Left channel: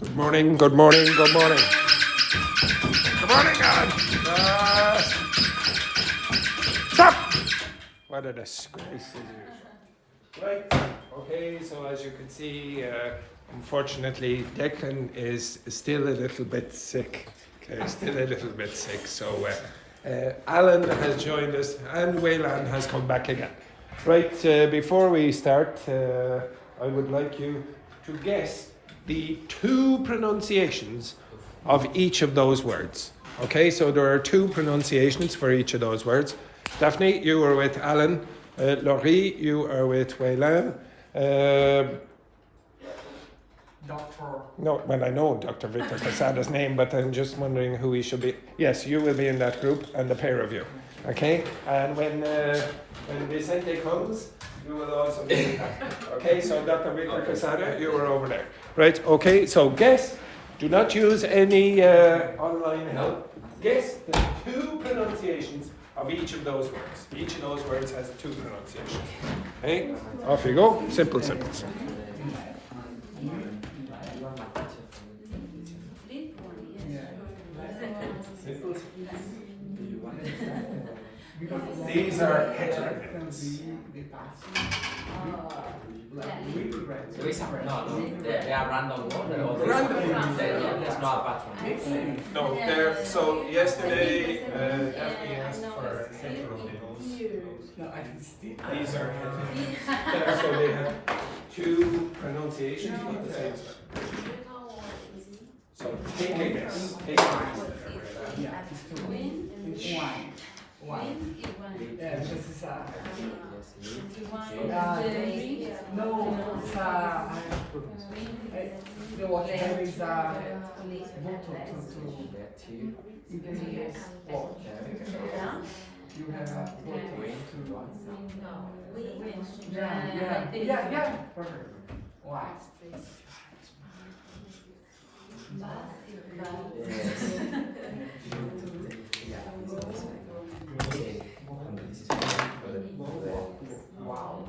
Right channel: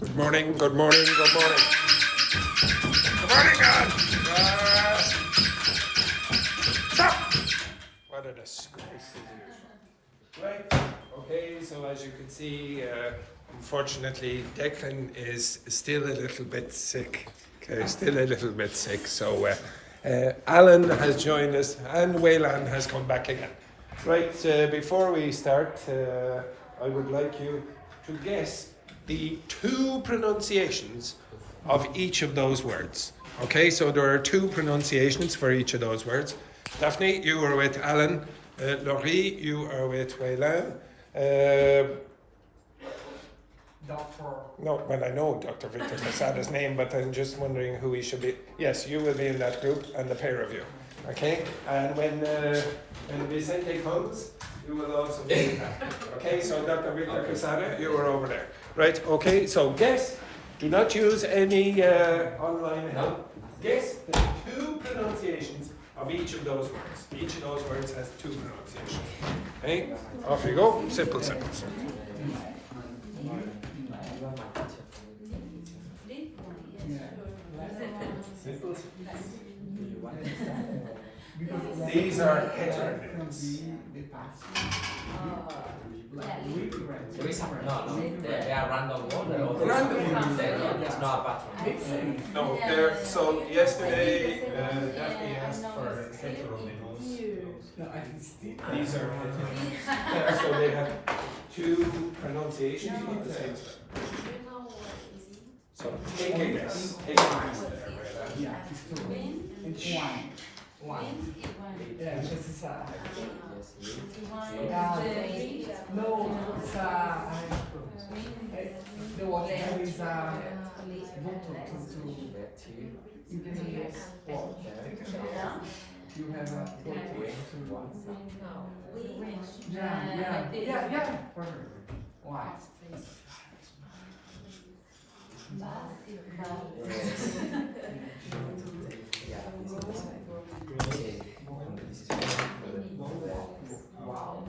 Good morning, good morning, good morning. Good morning, God. Stop! What a disgrace. Right, okay, so as you can see, unfortunately, Declan is still a little bit sick. Okay, still a little bit sick. So Alan has joined us and Wayland has come back again. Right, before we start, I would like you to guess the two pronunciations of each of those words. Okay, so there are two pronunciations for each of those words. Daphne, you are with Alan. Laurie, you are with Wayland. Doctor. No, well, I know Dr. Victor Casada's name, but I'm just wondering who he should be. Yes, you will be in that group, and the pair of you. Okay? And when Vicente comes, you will also be in that. Okay, so Dr. Victor Casada, you are over there. Right, okay, so guess. Do not use any online help. Guess the two pronunciations of each of those words. Each of those words has two pronunciations. Okay? Off you go. Simple, simple, simple. These are heteronyms. They are random ones. Random. It's not a pattern. No, they're, so yesterday Daphne asked for heteronyms. These are heteronyms. So they have two pronunciations of the same word. So take a guess. Take a guess. One. Yeah, this is no, it's the one there is a button to increase watch. You have a Yeah. Perfect. Wow. Wow.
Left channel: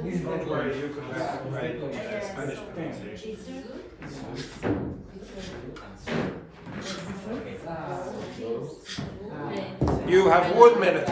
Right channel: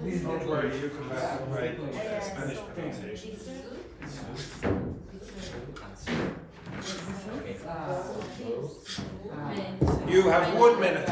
This is where you can write Spanish pronunciation. You have 1 minute.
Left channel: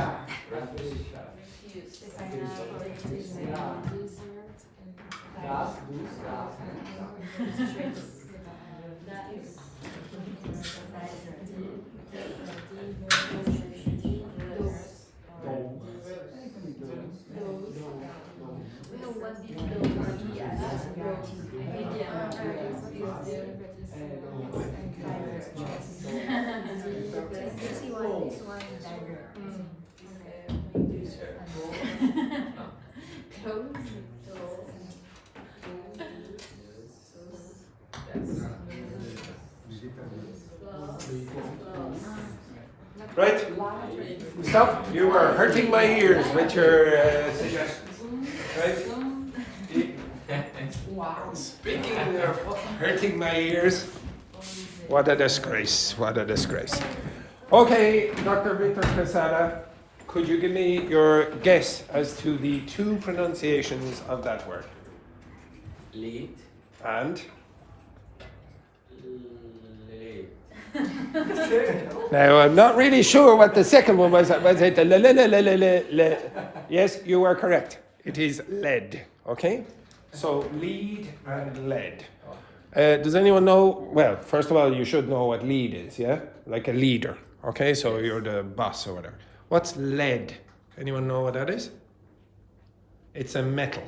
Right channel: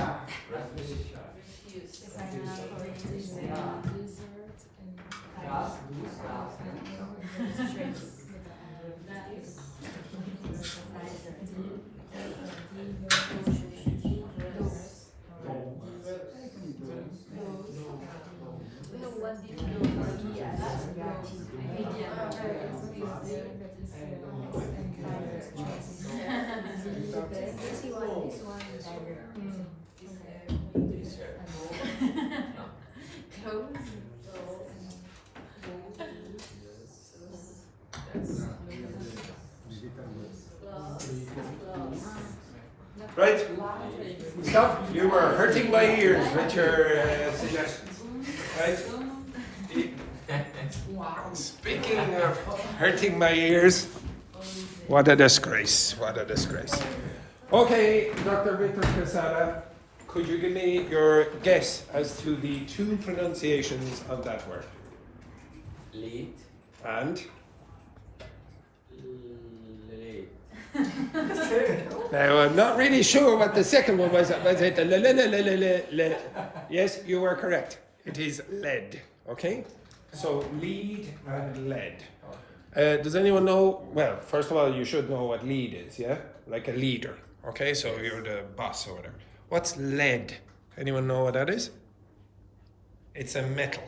Right? Stop. You are hurting my ears with your suggestions. Right? Speaking of hurting my ears, what a disgrace. What a disgrace. Okay, Dr. Victor Quesada, could you give me your guess as to the two pronunciations of that word? Lead. And? Lead. Now, I'm not really sure what the second one was. Was it the Yes, you are correct. It is lead. Okay? So, lead and lead. Does anyone know? Well, first of all, you should know what lead is, yeah? Like a leader. Okay, so you're the boss or whatever. What's lead? Anyone know what that is? It's a metal.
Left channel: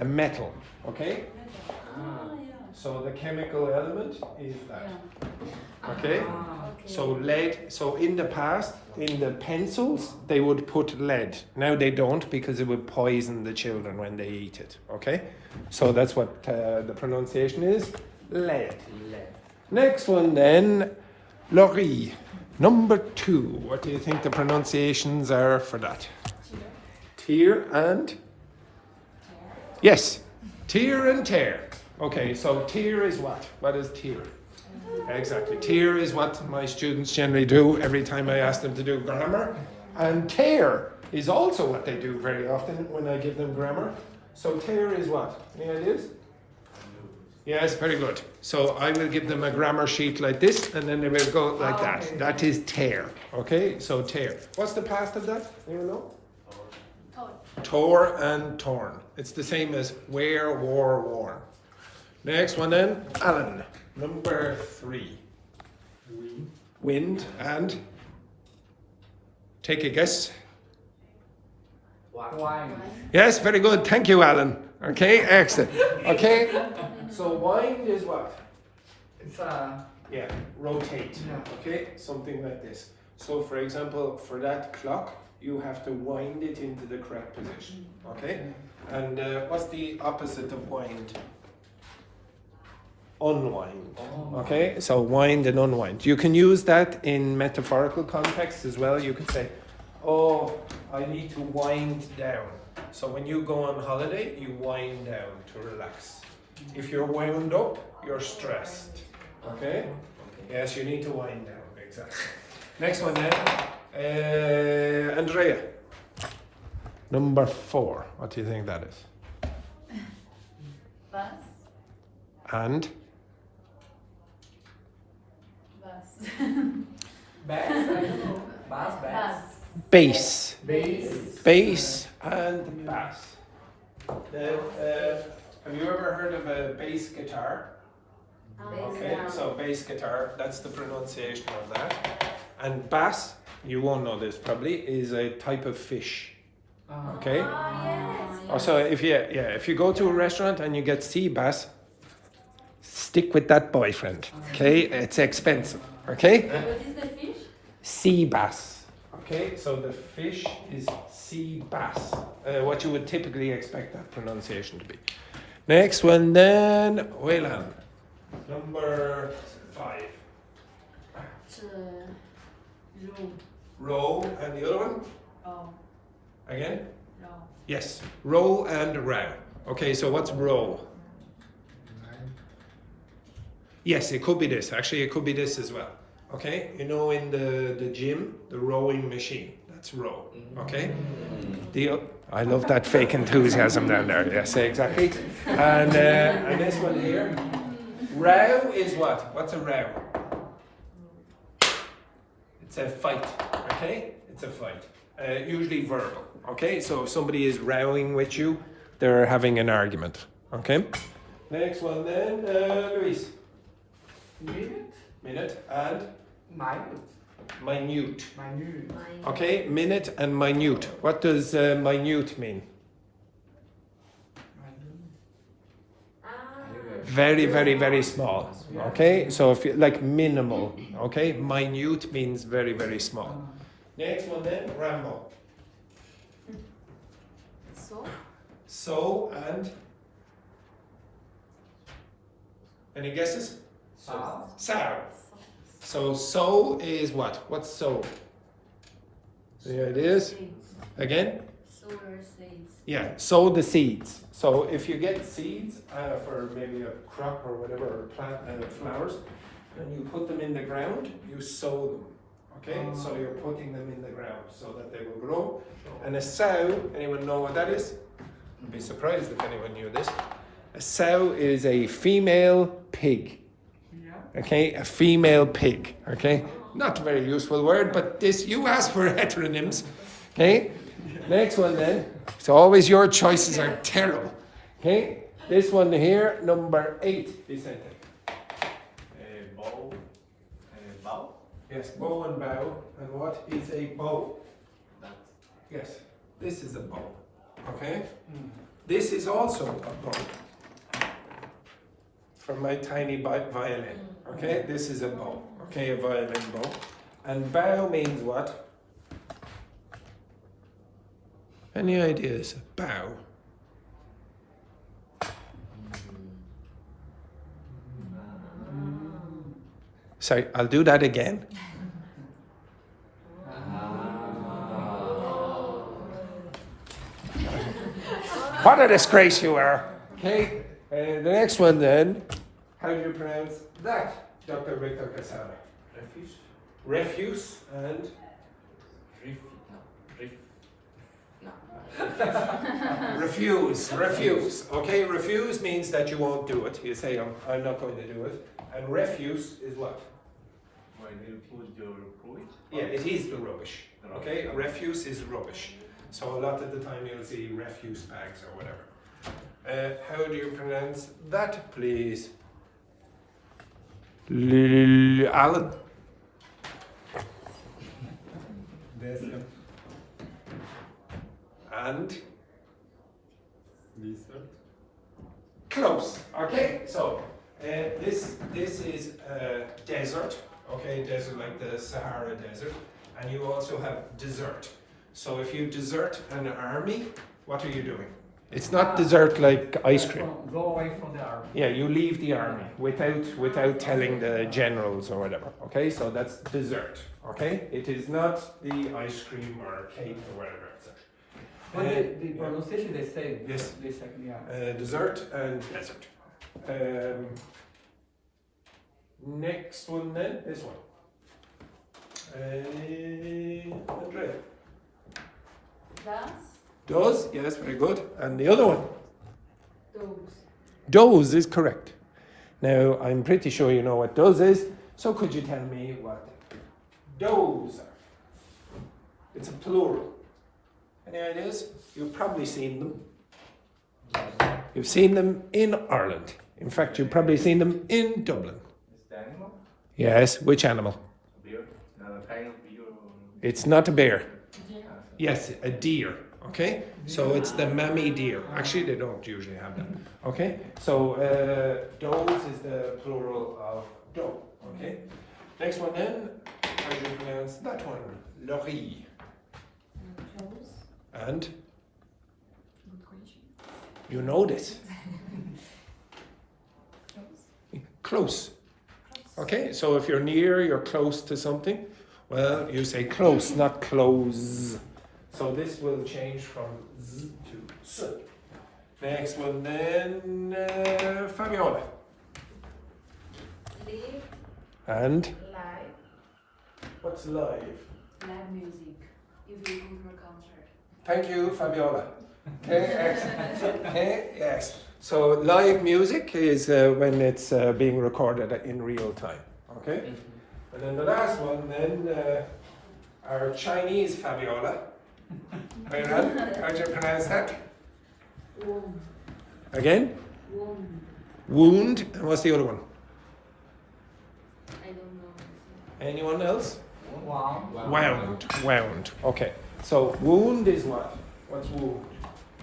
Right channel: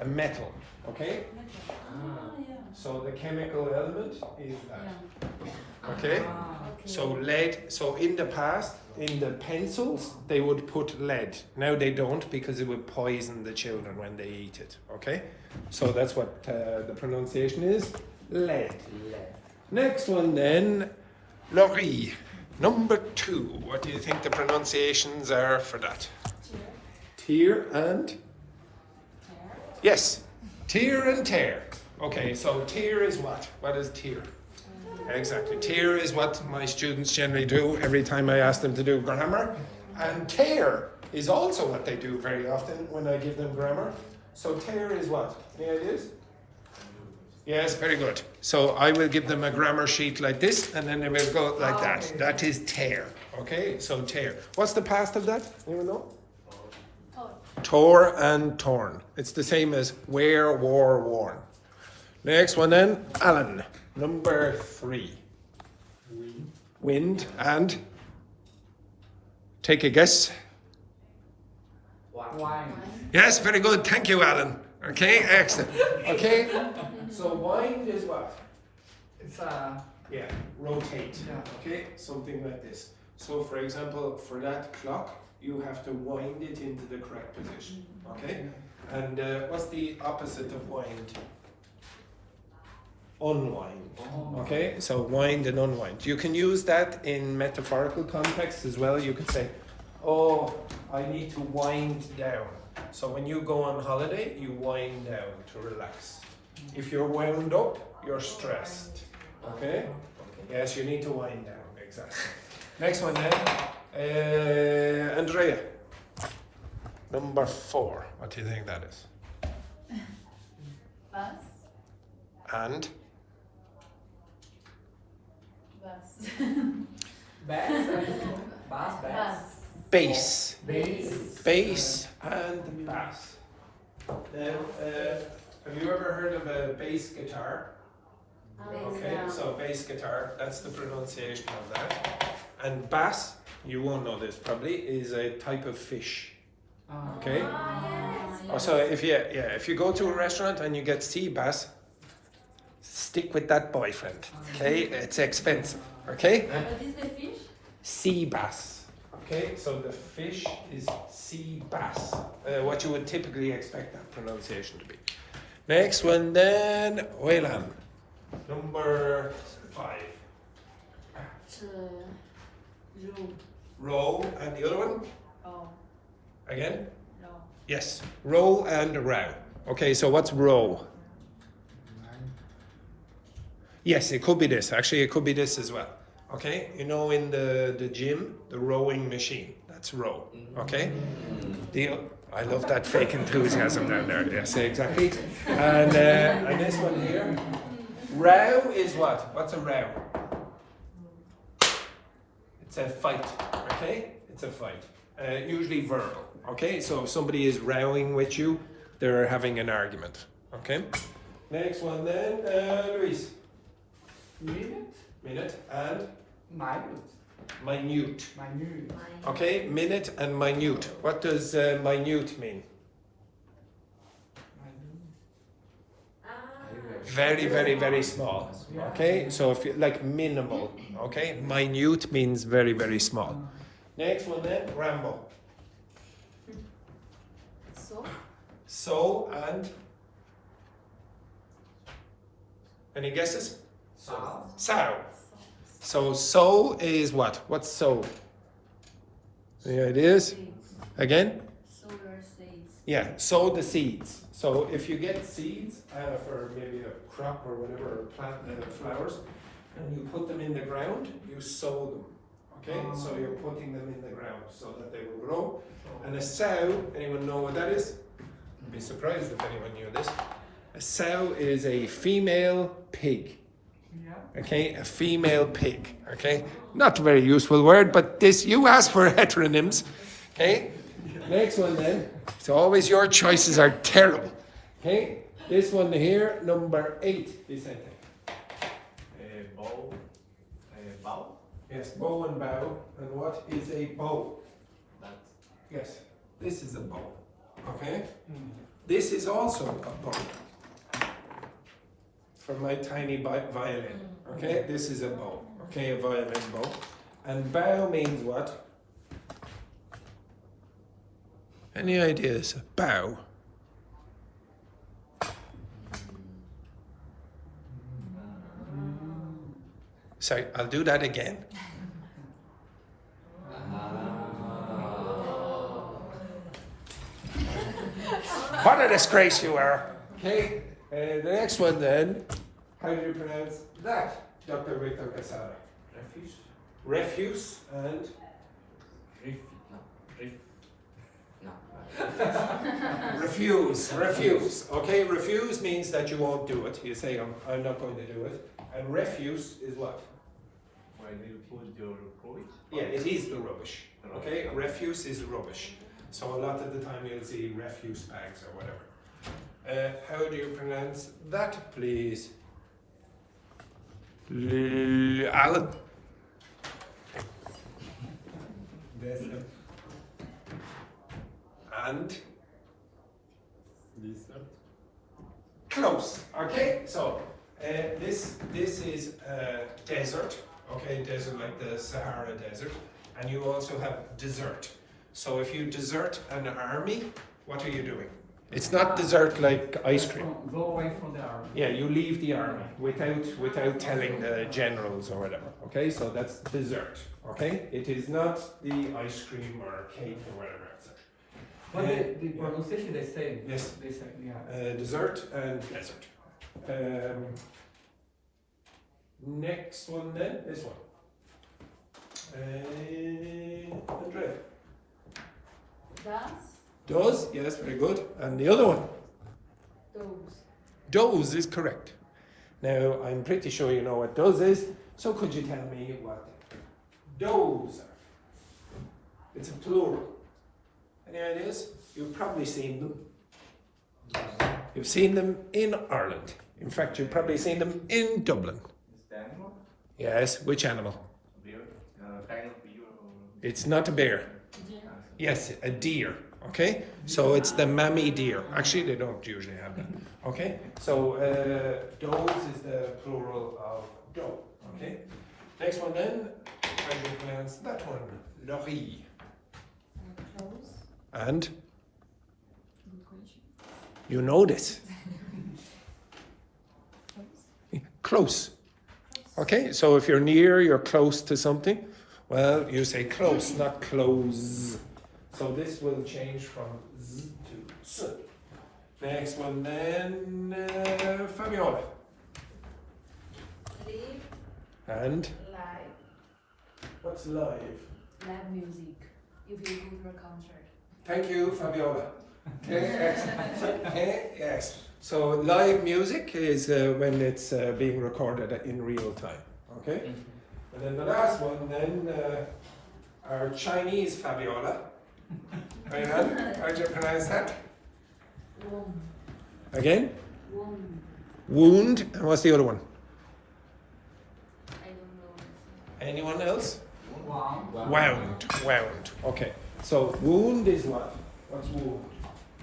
A metal, okay? So the chemical element is that. Okay? So lead, so in the past, in the pencils, they would put lead. Now they don't because it would poison the children when they eat it. Okay? So that's what the pronunciation is. Lead. Next one then, Laurie. Number 2. What do you think the pronunciations are for that? Tear and? Yes. Tear and tear. Okay, so tear is what? What is tear? Exactly. Tear is what my students generally do every time I ask them to do grammar. And tear is also what they do very often when I give them grammar. So tear is what? Here it is. Yes, very good. So I will give them a grammar sheet like this, and then they will go like that. That is tear. Okay, so tear. What's the past of that? You know? Tore and torn. It's the same as wear, wore, worn. Next one then, Alan. Number 3. Wind and? Take a guess. Wine. Yes, very good. Thank you, Alan. Okay, excellent. Okay, so wind is what? It's a Yeah, rotate. Yeah. Okay, something like this. So, for example, for that clock, you have to wind it into the correct position. Okay, and what's the opposite of wind? Unwind. Okay, so wind and unwind. You can use that in metaphorical context as well. You could say, "Oh, I need to wind down." So when you go on holiday, you wind down to relax. If you're wound up, you're stressed. Okay? Yes, you need to wind down. Exactly. Next one then, Andrea. Number 4. What do you think that is? Bus. And? Bus. bass, I don't know. Bass. Bass. Bass. Bass and bass. Then, have you ever heard of a bass guitar? Okay, so bass guitar, that's the pronunciation of that. And bass, you won't know this probably, is a type of fish. Okay? So if you go to a restaurant and you get sea bass, stick with that boyfriend. Okay? It's expensive. Okay? What is the fish? Sea bass. Okay, so the fish is sea bass. What you would typically expect that pronunciation to be. Next one then, Wayland. Number 5. Row. Row and the other one? Oh, Again? row. Yes. Row and row. Okay, so what's row? Yes, it could be this. Actually, it could be this as well. Okay, you know in the gym, the rowing machine, that's row. Okay? Deal? I love that fake enthusiasm down there. Yes, exactly. And this one here. Row is what? What's a row? It's a fight. Okay? It's a fight. Usually verbal. Okay? So if somebody is rowing with you, they're having an argument. Okay? Next one then, Luis. Minute and? Minute. Okay, minute and minute. What does minute mean? Very, very, very small. Okay, so if you like minimal. Okay, minute means very, very small. Next one then, ramble. So? So and? Any guesses? Sow. So is what? What's so? Yeah, it is. Again? Solar seeds. Yeah, sow the seeds. So if you get seeds for maybe a crop or whatever, or plant flowers, and you put them in the ground, you sow them. Okay? So you're putting them in the ground so that they will grow. And a sow, anyone know what that is? I'd be surprised if anyone knew this. A sow is a female pig. Okay, a female pig. Okay, not a very useful word, but this you asked for heteronyms. Okay, next one then. So always your choices are terrible. Okay, this one here, number 8. Vicente. Bow. Yes, bow and bow. And what is a bow? Yes, this is a bow. Okay? This is also a bow. From my tiny violin. Okay? This is a bow. Okay, a violin bow. And bow means what? Any ideas? Bow. Sorry, I'll do that again. What a disgrace you are. Okay, the next one then. How do you pronounce that, Dr. Victor Casada? Refuse. Refuse and refuse. Okay, refuse means that you won't do it. You say, I'm not going to do it. And refuse is what? When you put your rubbish. Yeah, it is the rubbish. Okay, refuse is rubbish. So a lot of the time you'll see refuse bags or whatever. How do you pronounce that, please? Alan? And? Lizard. Close. Okay, so this is desert. Okay, desert like the Sahara Desert, and you also have desert. So if you desert an army, what are you doing? It's not desert like ice cream. Go away from the army. Yeah, you leave the army without telling the generals or whatever. Okay, so that's desert. Okay, it is not the ice cream or cake or whatever. But the pronunciation they say. Yes. They say, yeah. Desert and desert. Next one then, this one. Andrea. Das. Does, yes, very good. And the other one? Those. Does is correct. Now, I'm pretty sure you know what does is, so could you tell me what does are? It's a plural. Any ideas? You've probably seen them. You've seen them in Ireland. In fact, you've probably seen them in Dublin. Is the animal? Yes, which animal? Beer? Not a kind of beer. It's not a bear. Yeah. Yes, a deer. Okay, so it's the mammy deer. Actually, they don't usually have that. Okay, so does is the plural of doe. Okay, next one then. How do you pronounce that one? Laurie. Close. And Good question. you know this. Close. Okay, so if you're near, you're close to something. Well, you say close, not close. So this will change from z to s. Next one then, Fabiola. Live. And Live. what's live? Live music. If you go to a concert. Thank you, Fabiola. Okay, excellent. Okay, yes. So live music is when it's being recorded in real time. Okay? And then the last one then, our Chinese Fabiola. How do you pronounce that? Wound. Again? Wound. Wound. And what's the other one? I don't know. Anyone else? Wow. Wound. Wound. Okay. So wound is what? What's wound?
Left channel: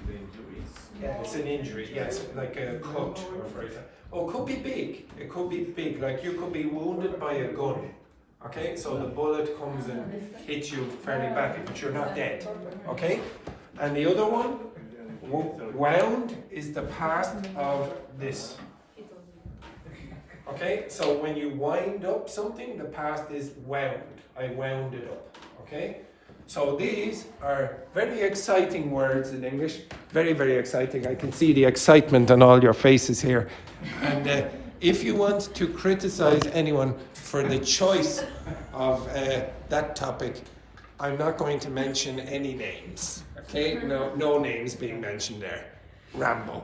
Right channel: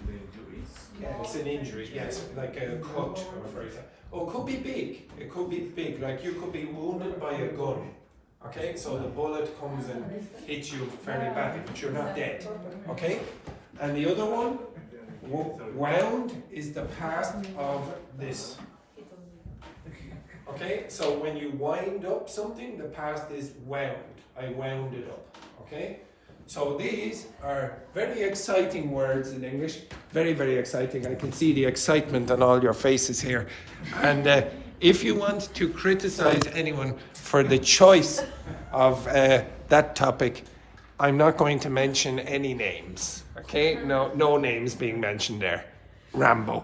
The injuries. Yeah, it's an injury. Yes, like a cut, or for example. Oh, it could be big. It could be big. Like you could be wounded by a gun. Okay, so the bullet comes and hits you fairly badly, but you're not dead. Okay, and the other one, wound, is the past of this. Okay, so when you wind up something, the past is wound. I wound it up. Okay, so these are very exciting words in English. Very, very exciting. I can see the excitement on all your faces here. And if you want to criticize anyone for the choice of that topic, I'm not going to mention any names. Okay, no names being mentioned there. Rambo.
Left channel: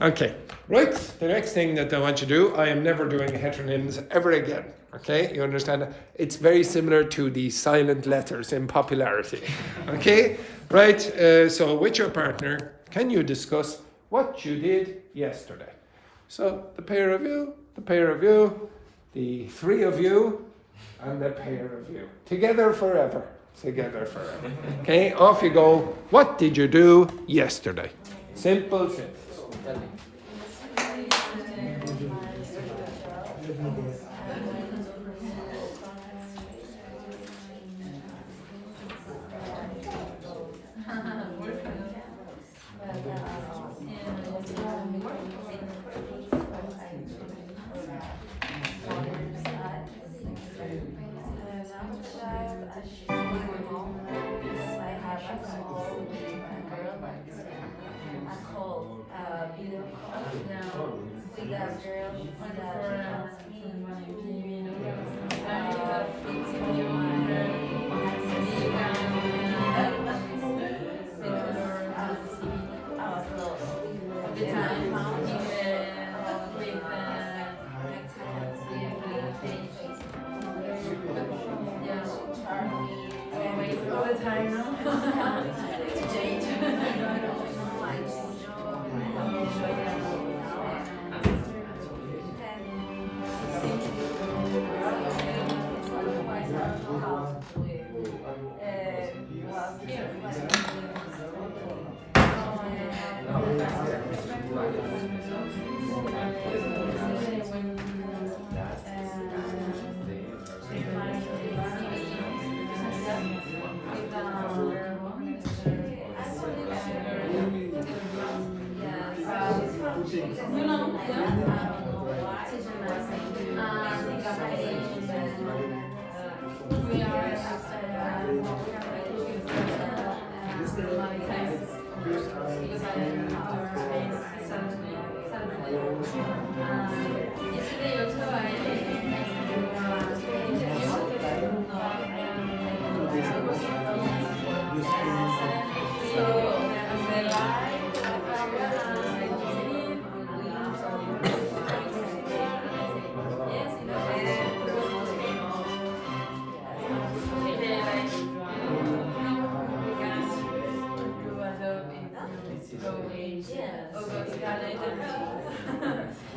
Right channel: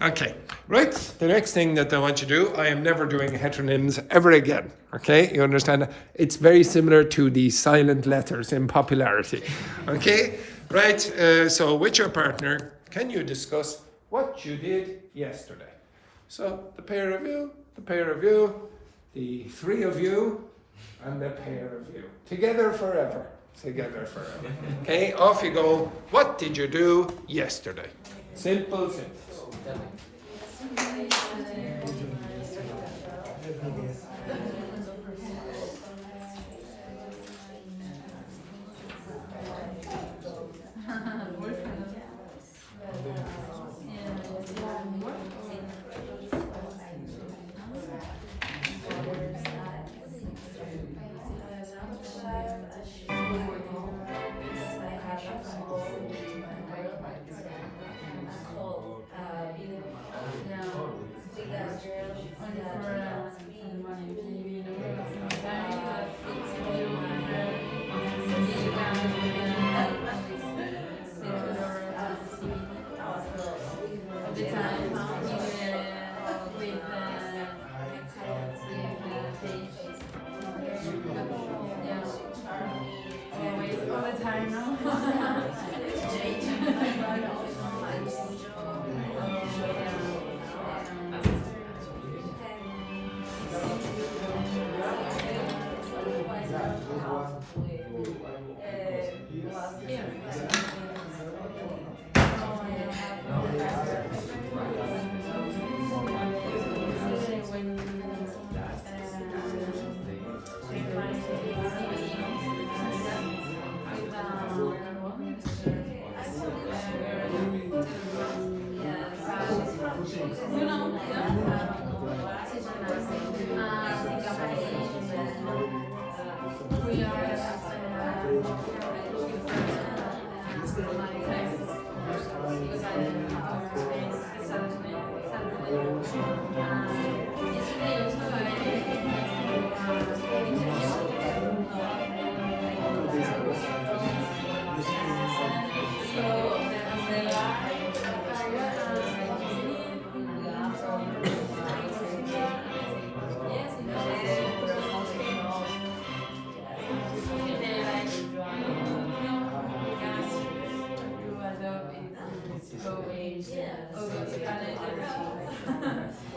Okay, right. The next thing that I want you to do, I am never doing heteronyms ever again. Okay, you understand? It's very similar to the silent letters in popularity. Okay, right. So with your partner, can you discuss what you did yesterday? So the pair of you, the three of you, and the pair of you. Together forever. Together forever. Okay, off you go. What did you do yesterday? Simple sentence.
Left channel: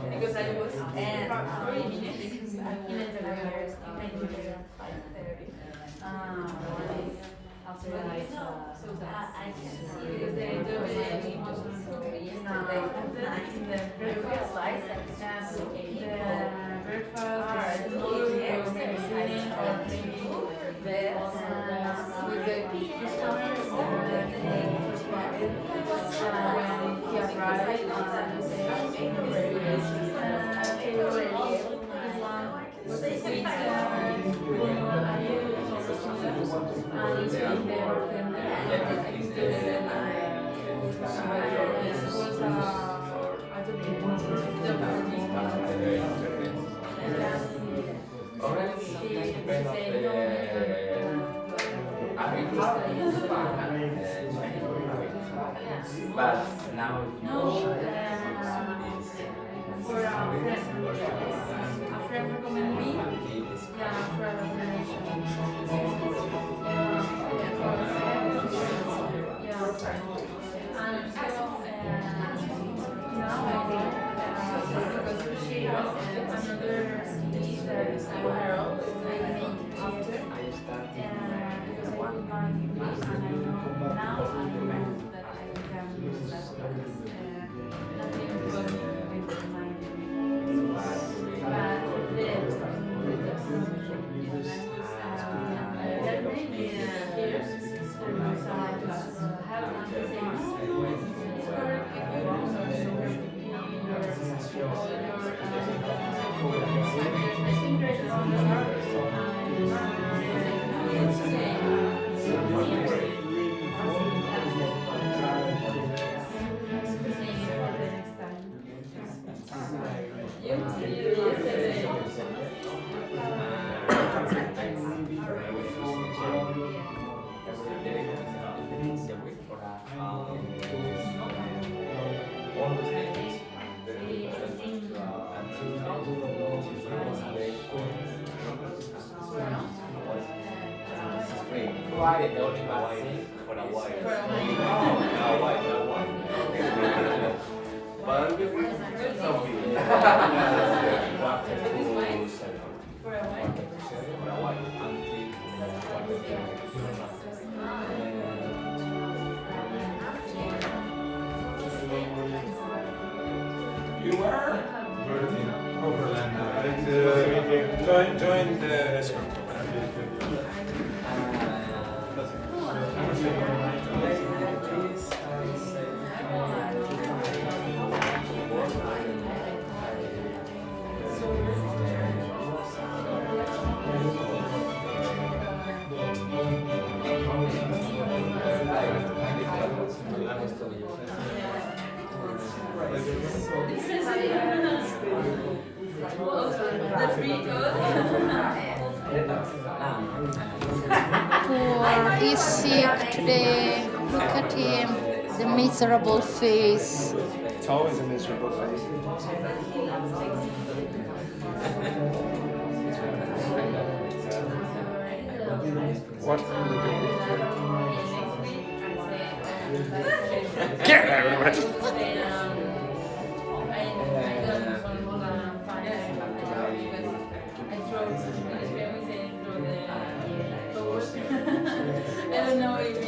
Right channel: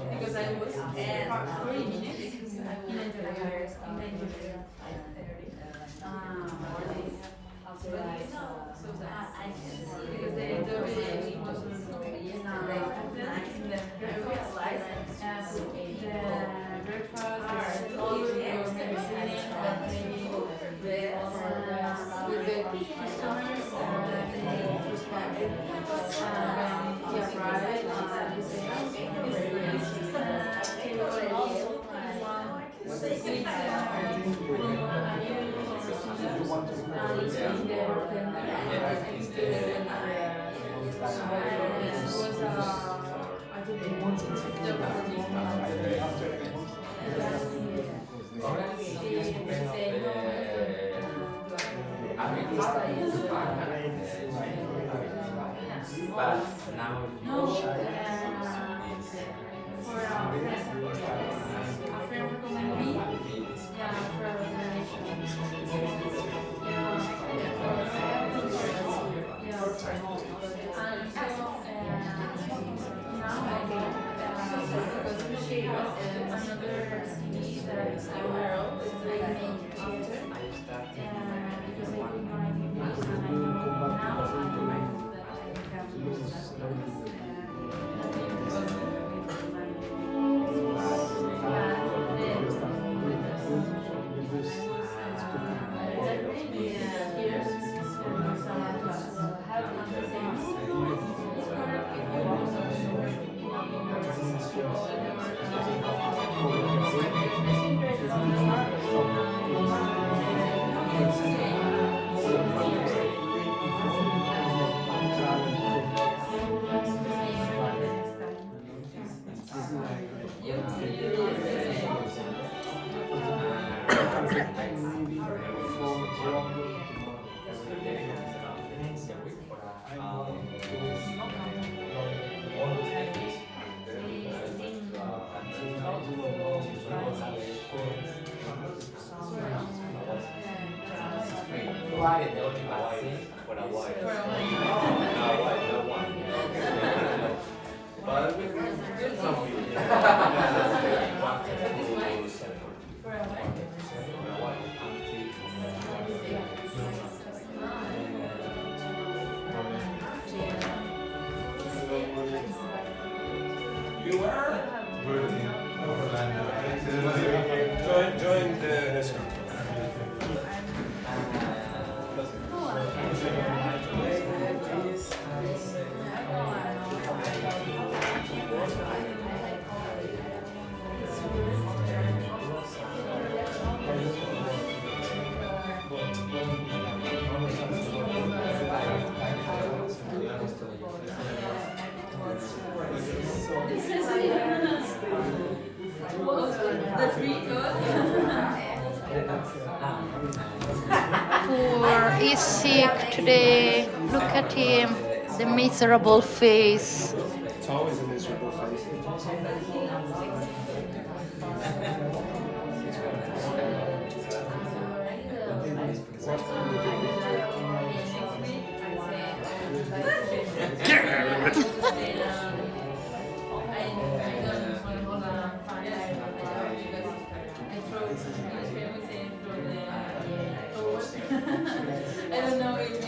Because I was for 40 minutes in interview. After I because the interview was in the breakfast, with the customers, he arrived, but now for a friend recommended me, for a recommendation. And so now I do, because she has another CD that I will make after, because I couldn't go on English, and now I'm aware that I can use nothing but provided the only thing for a while. But we something. For a while. For a while You are? Join the The free code. Poor, he's sick today. Look at him, the miserable face. It's always a miserable face. What will you do? Get out of it! I don't know if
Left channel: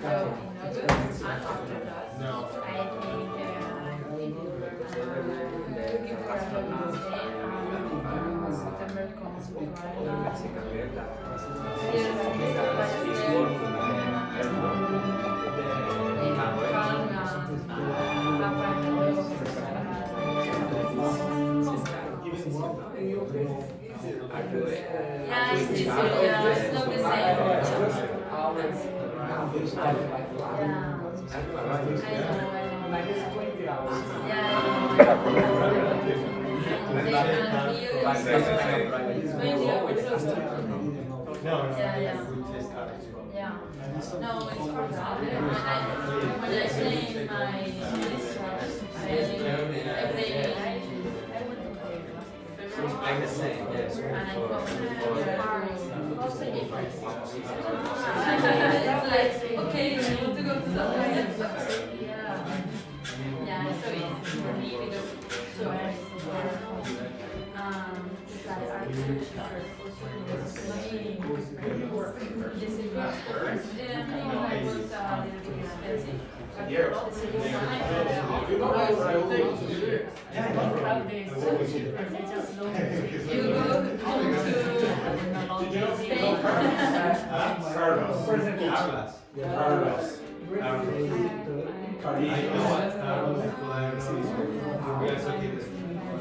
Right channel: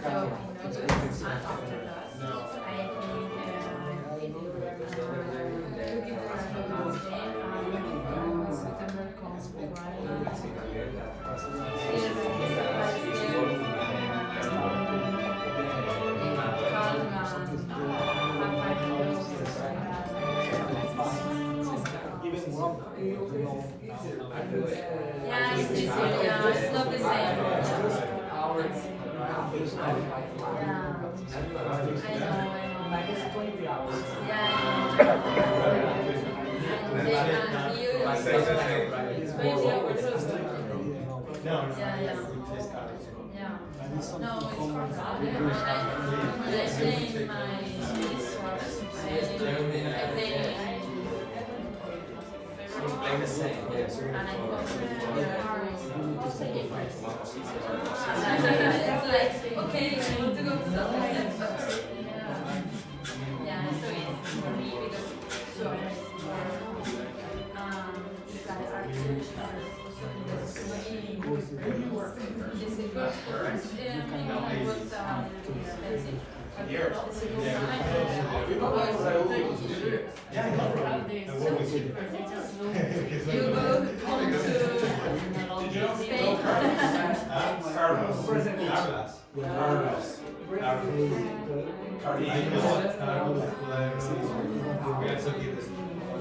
until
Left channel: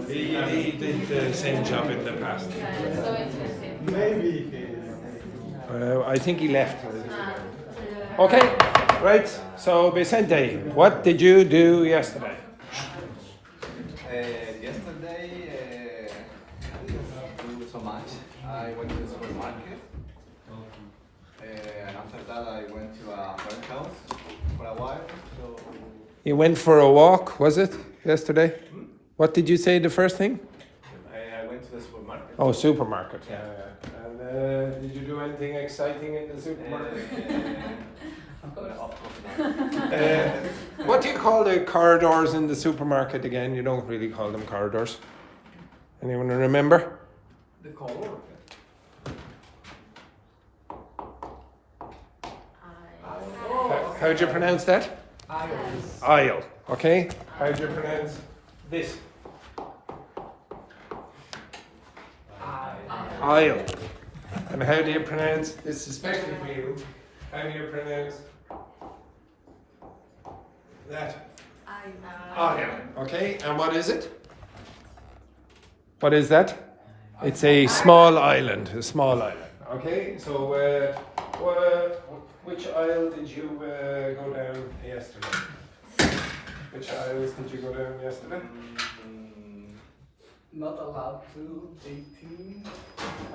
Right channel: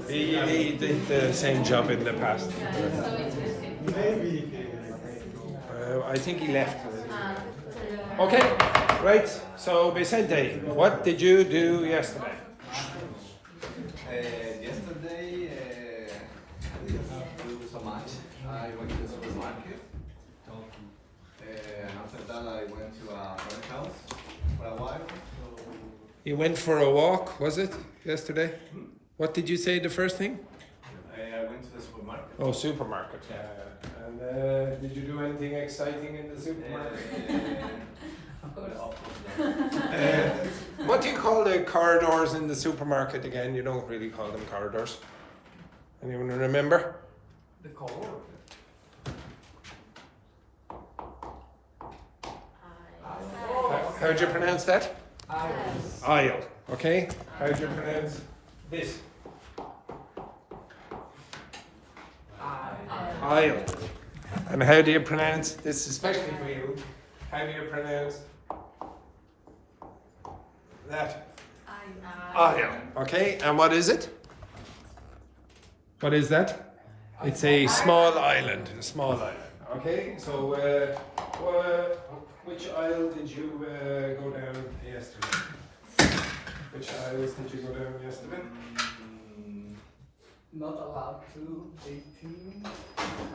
He did the same job in the past. I think he left. Okay, right. So Vicente, what did you do yesterday? Yesterday, I didn't do so much. I went to the supermarket. And after that, I went to a friend's house for a while. So You went for a walk, was it, yesterday? What did you say the first thing? I went to the supermarket. Oh, supermarket. Yeah. And did you do anything exciting in the supermarket? Of course not. What do you call the corridors in the supermarket again? You don't really call them corridors. Anyone remember? The color. How do you pronounce that? Aisles. Aisle. Okay. How do you pronounce this? Aisle. And how do you pronounce this, especially for you? How do you pronounce that? Aisle. Okay, and what is it? What is that? It's a small island. A small island. Okay, so which aisle did you go down yesterday? Which aisles did you go down yesterday? Not allowed to 18.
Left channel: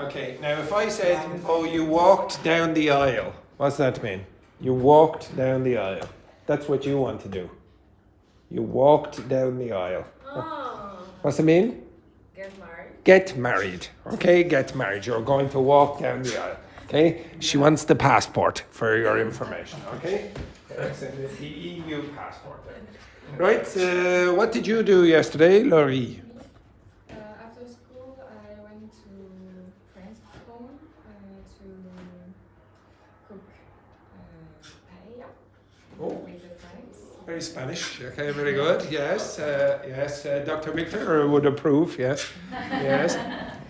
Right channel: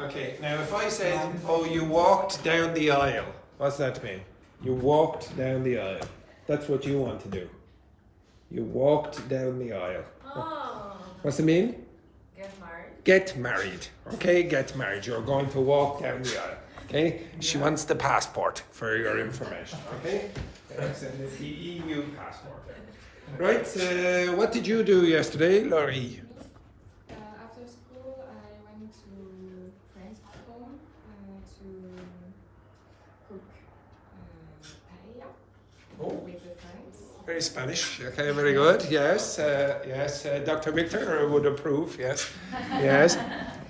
Okay, now if I said, oh, you walked down the aisle, what's that mean? You walked down the aisle. That's what you want to do. You walked down the aisle. Oh. What's it mean? Get married. Get married. Okay, get married. You're going to walk down the aisle. Okay, she wants the passport for your information. Okay, it's the EU passport. Right, what did you do yesterday, Laurie? After school, I went to friend's home to cook paella with the friends. Very Spanish. Okay, very good. Yes, yes. Dr. Victor would approve. Yes, yes.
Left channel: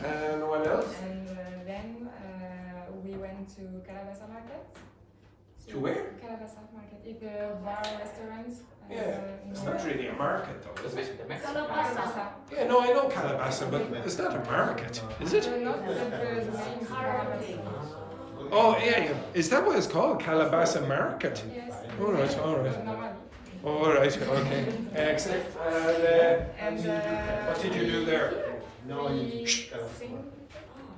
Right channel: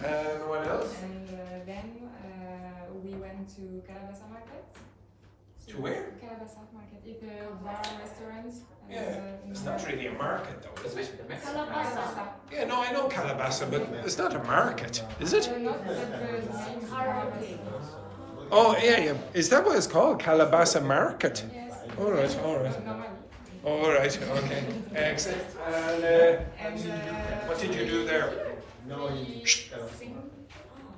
And what else? And then we went to Calabasa Market. To where? Calabasa Market. It's a bar restaurant. Yeah, it's not really a market though, is it? Calabasa. Yeah, no, I know Calabasa, but it's not a market, is it? Not the main Karaoke. Oh, yeah, yeah. Is that what it's called? Calabasa Market? Yes. All right, all right. Normally. All right, okay. Excellent. And what did you do there? We sing.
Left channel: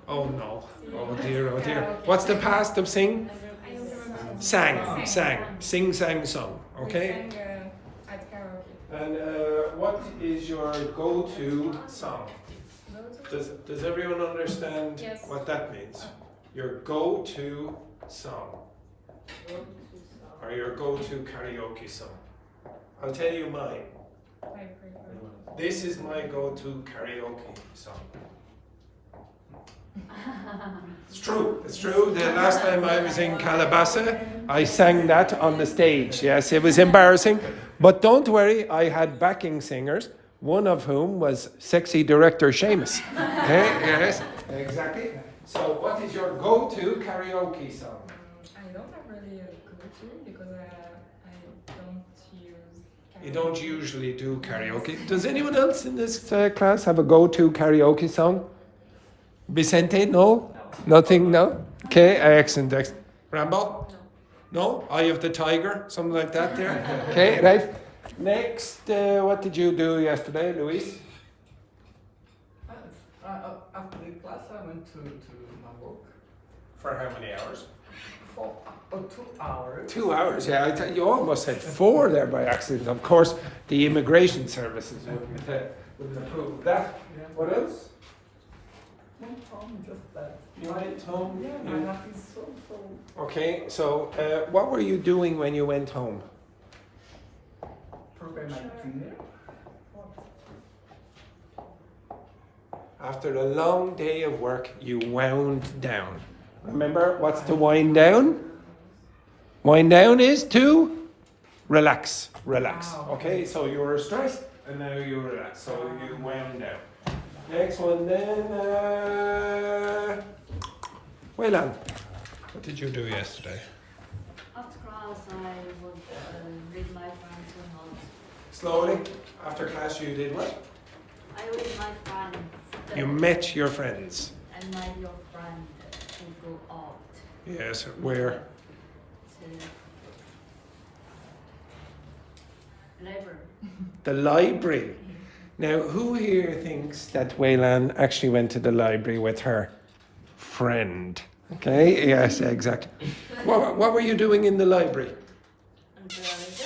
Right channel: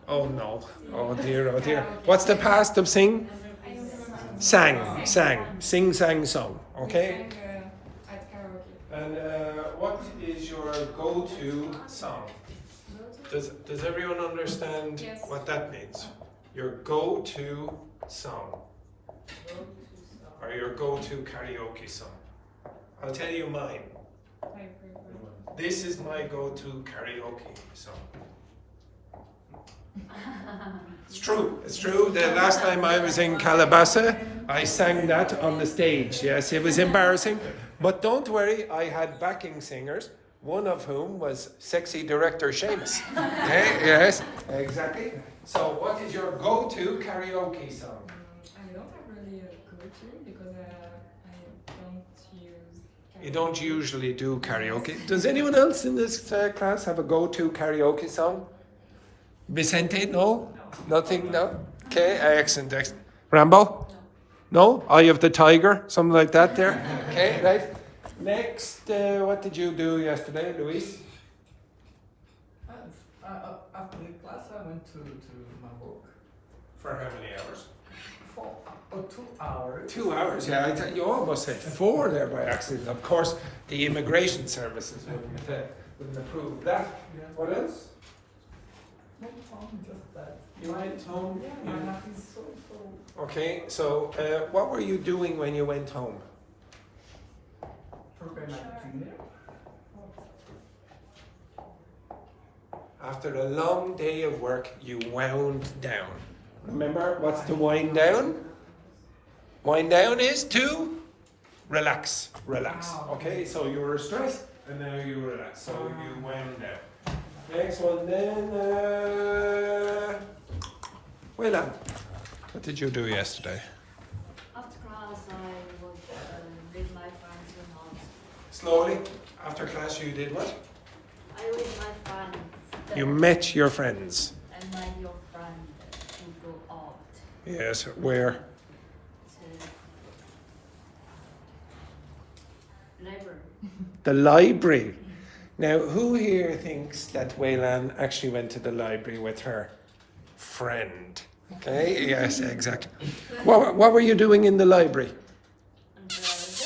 Oh no. Oh dear, oh dear. What's the past of sing? I don't remember. Sang, sang. Sing, sang, song. Okay? We sang at karaoke. And what is your go-to song? Does everyone understand Yes. what that means? Your go-to song. Or your go-to karaoke song. I'll tell you mine. I prefer. This is my go-to karaoke song. It's true. It's true. The last time I was in Calabasa, I sang that on the stage. Yes, it was embarrassing. But don't worry, I had backing singers, one of whom was sexy director Seamus. Yes, exactly. So what is your go-to karaoke song? I don't have really a go-to because I don't use. You don't usually do karaoke. Does anyone else in this class have a go-to karaoke song? Vicente, no? Nothing, no? Okay, excellent, excellent. Rambo? No? Eye of the Tiger? Something like that there? Okay, right. Next, what did you do yesterday, Luis? After the class, I went to my work For how many hours? for 2 hours. 2 hours, yeah. I thought you almost said 4 there by accident. Of course, the immigration services wouldn't approve of that. What else? Went home just that. You went home? Yeah, my life is so. Okay, so what were you doing when you went home? Prepare my dinner. After a long day of work, you wound down. Remember, what's to wind down? Wind down is to relax. Relax. Okay, so you were stressed and now you relax. So you wound down. Next one then. Well done. What did you do yesterday? After class, I would read my friends' notes. Slowly. After class, you did what? I read my friends. You met your friends. And my your friend to go out Yes. Where? to library. The library. Now, who here thinks that Waylan actually went to the library with her friend? Okay, yes, exactly. What were you doing in the library? And just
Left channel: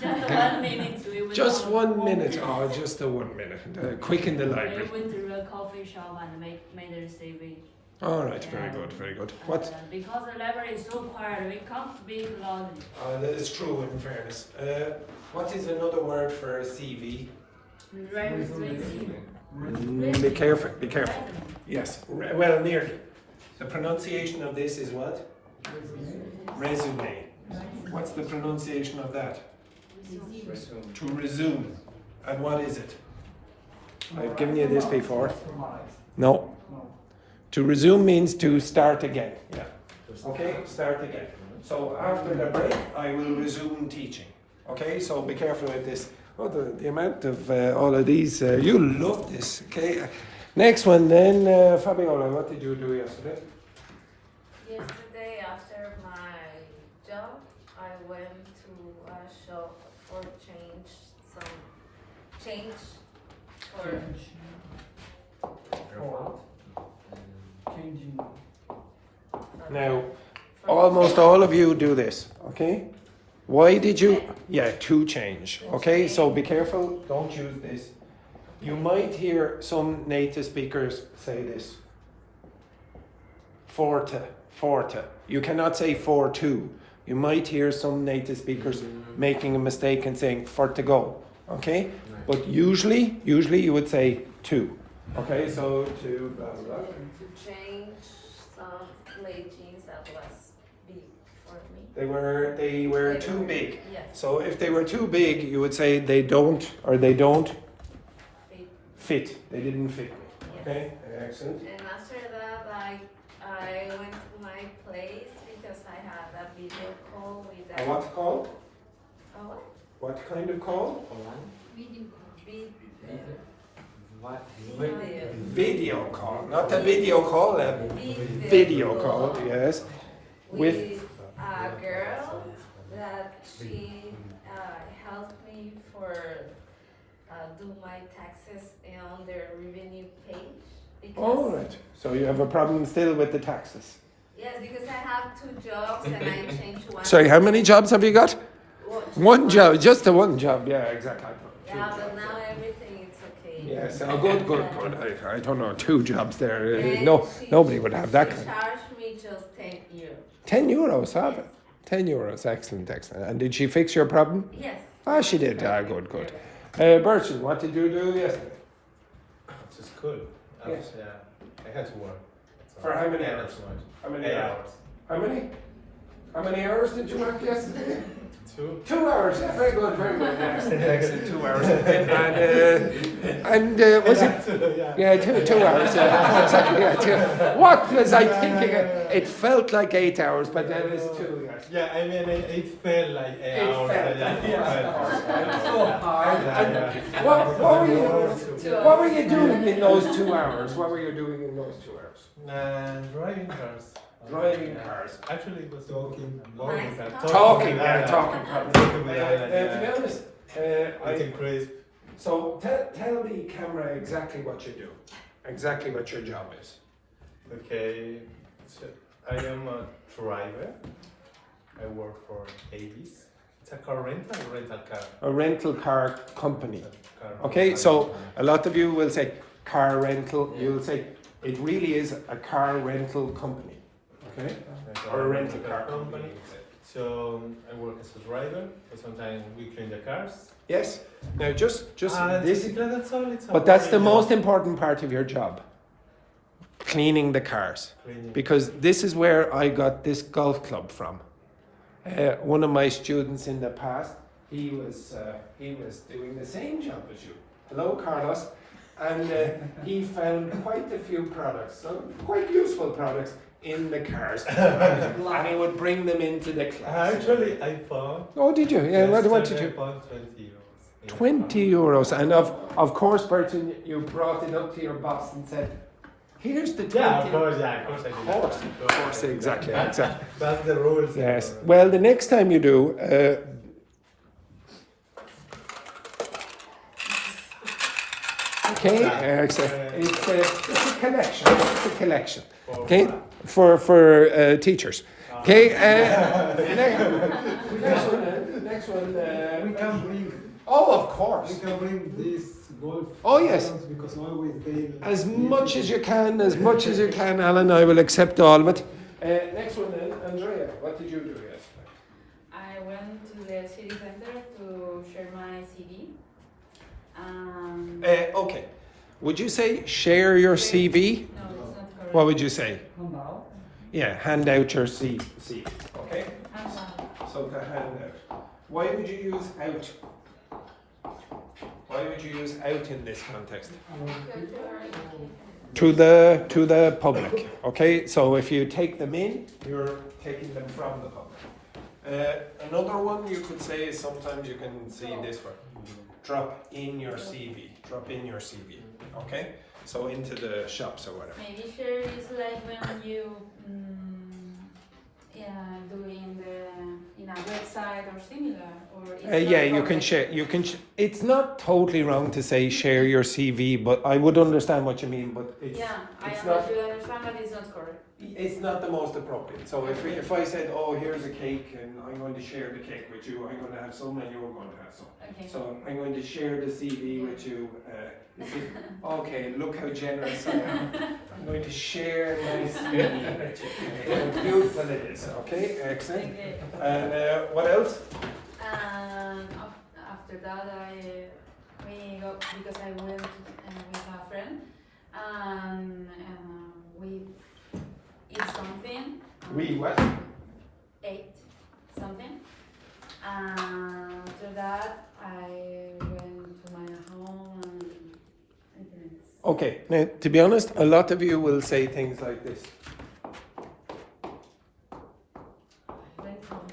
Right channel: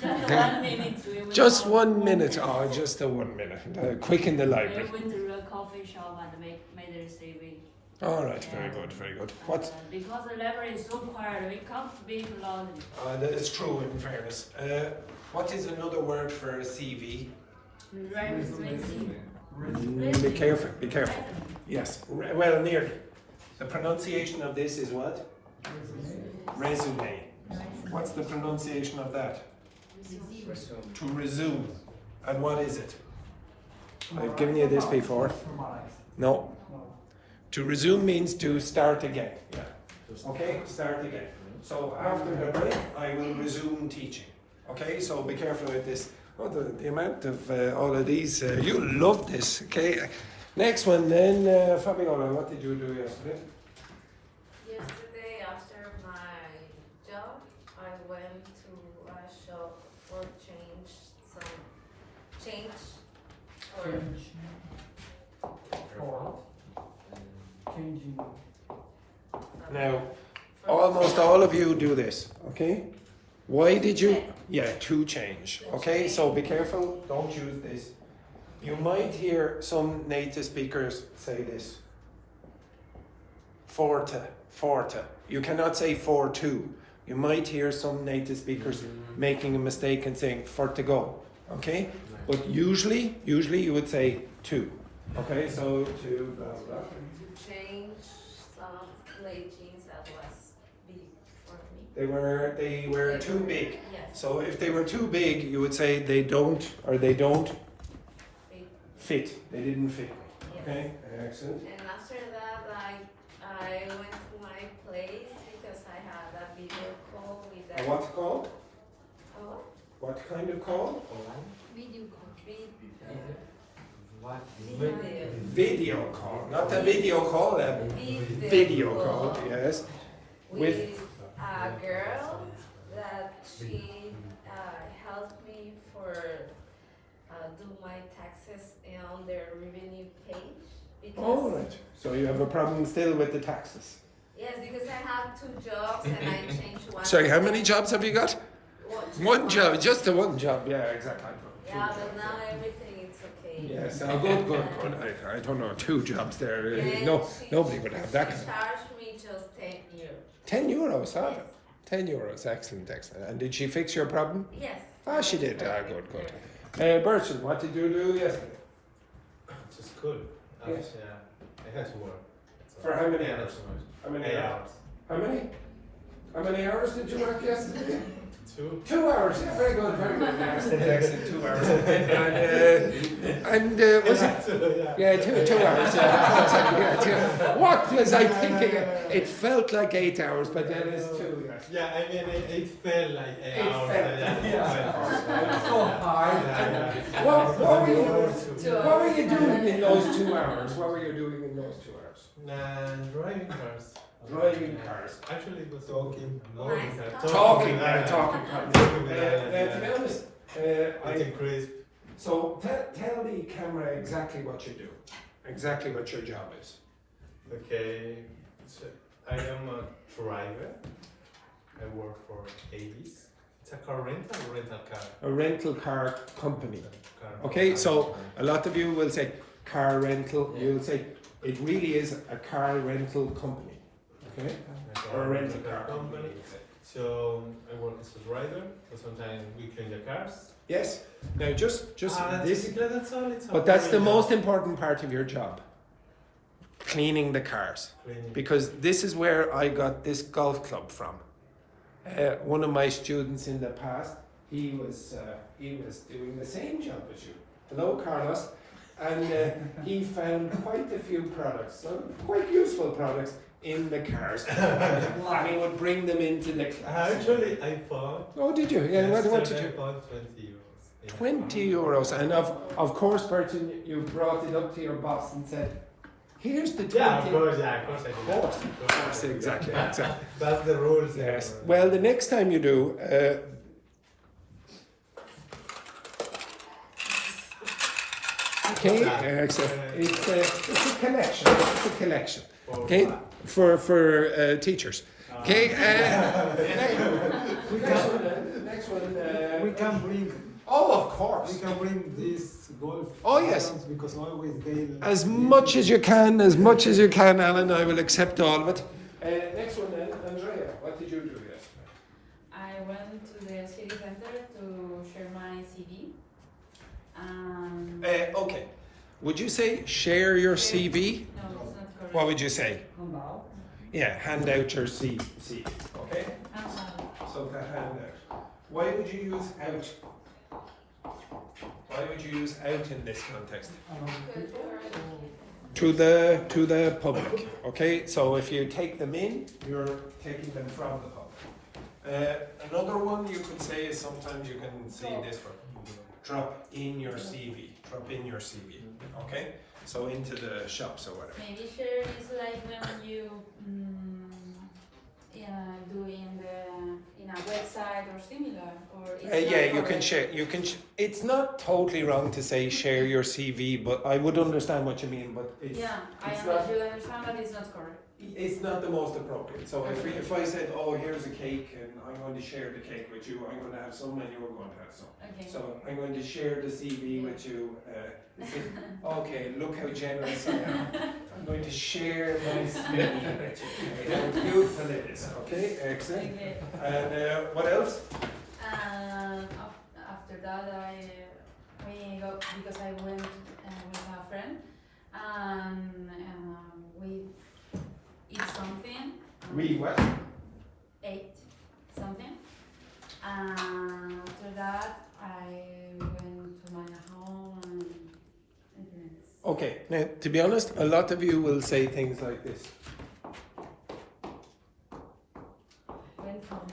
the 1 minute we went Just out. 1 minute. Oh, just the 1 minute. Quick in the We library. went to a coffee shop and made a CV. All right, very good, very good. What? Because the library is so quiet, we can't speak loudly. That is true, in fairness. What is another word for a CV? Resume. Be careful, be careful. Yes, well, nearly. The pronunciation of this is what? Resume. What's the pronunciation of that? To resume. And what is it? I've given you this before. No. To resume means to start again. Yeah. Okay, start again. So after the break, I will resume teaching. Okay, so be careful with this. Oh, the amount of all of these, you love this. Okay, next one then, Fabiola, what did you do yesterday? Yesterday, after my job, I went to a shop for change for Changing. Now, almost all of you do this, okay? Why did you? Yeah, to change. Okay, so be careful, don't use this. You might hear some native speakers say this. Forte, forte. You cannot say for to. You might hear some native speakers making a mistake and saying for to go. Okay? But usually you would say to. Okay, so to blah blah blah. change some jeans that was big for me. They were too big. Yes, So if they were too big, you would say they don't big. fit. They didn't fit. Yes. Okay, excellent. And after that, I went to my place because I had a video call with A what call? A what? What kind of call? Video. What? Video call, not a video call. A video call. Yes. With a girl that she helped me for do my taxes on their revenue page. Because, All right. So you have a problem still with the taxes. Yes, because I have 2 jobs and I changed one. Sorry, how many jobs have you got? One job, just the one job. Yeah, exactly. Yeah, but now everything is okay. Yes, oh, good. I don't know, 2 jobs there. And Nobody would have that. She charged me just 10 euros. 10 euros, have it. 10 euros, excellent. And did she fix your problem? Yes. Ah, she did. Ah, good. Bertrand, what did you do yesterday? To school. Yes. I had to work. For how many Yeah, hours? not so much. How many 8 hours? hours. How many? How many hours did you work yesterday? 2. 2 hours. Yeah, very good. Excellent. 2 hours. And was it? Yeah, 2 hours. Yeah, exactly. Yeah, 2. What was I thinking? It felt like 8 hours, but then it's 2. Yes. Yeah, I mean, it felt like 8 hours. What were you doing in those 2 hours? What were you doing in those 2 hours? Driving cars. Driving cars. Actually, it was talking. Talking. Talking. To be honest, I can crazy. so tell the camera exactly what you do, exactly what your job is. Okay, so I am a driver. I work for Avis. It's a car rental car. A rental car company. Car Okay, so company. a lot of you will say car rental. You'll say it really is a car rental company. Okay. Or a rental car company. So I work as a driver, but sometimes we clean the cars. Yes. Now just this. Basically that's all. It's But that's the most important part of your job. Cleaning the cars. Cleaning. Because this is where I got this golf club from. One of my students in the past, he was doing the same job as you. Hello, Carlos. And he found quite a few products, some quite useful products in the cars. And he would bring them into the class. Actually, I found. Oh, did you? Yeah, what did yesterday you? I found 20 euros. 20 euros. And of course, Bertrand, you brought it up to your boss and said, here's the 20. Yeah, of course I did. Of course, exactly. That's the rules. Yes. Well, the next time you do, okay, it's a collection. It's a collection. Okay, for teachers. Okay. Next one. We can bring. Oh, of course. We can bring this golf. Oh, yes. Because always they. As much as you can, Alan. I will accept all of it. Next one, then, Andrea. What did you do yesterday? I went to the city center to share my CV. Okay. Would you say share your CV? No, it's not correct. What would you say? Now. Yeah, hand out your CV. Okay. I'm sorry. So to hand out. Why would you use out? Why would you use out in this context? to the public. Okay, so if you take them in, you're taking them from the public. Another one you could say is sometimes you can see this one. Drop in your CV. Drop in your CV. Okay, so into the shops or whatever. Maybe share is like when you doing in a website or similar, or it's not Yeah, you can correct? share. You can. It's not totally wrong to say share your CV, but I would understand what you mean. But it's, Yeah, I it's not. understand that it's not correct. It's not the most appropriate. So if I said, oh, here's a cake and I'm going to share the cake with you, I'm going to have some and you're going to have some. Okay. So I'm going to share the CV with you. You say, okay, look how generous I am. I'm going to share my CV with you. How beautiful it is. Okay, excellent. Okay. And what else? After that, we go because I went with a friend and we eat something. We what? Ate something. After that, I went to my home and Okay, now to be honest, a lot of you will say things like this. went home.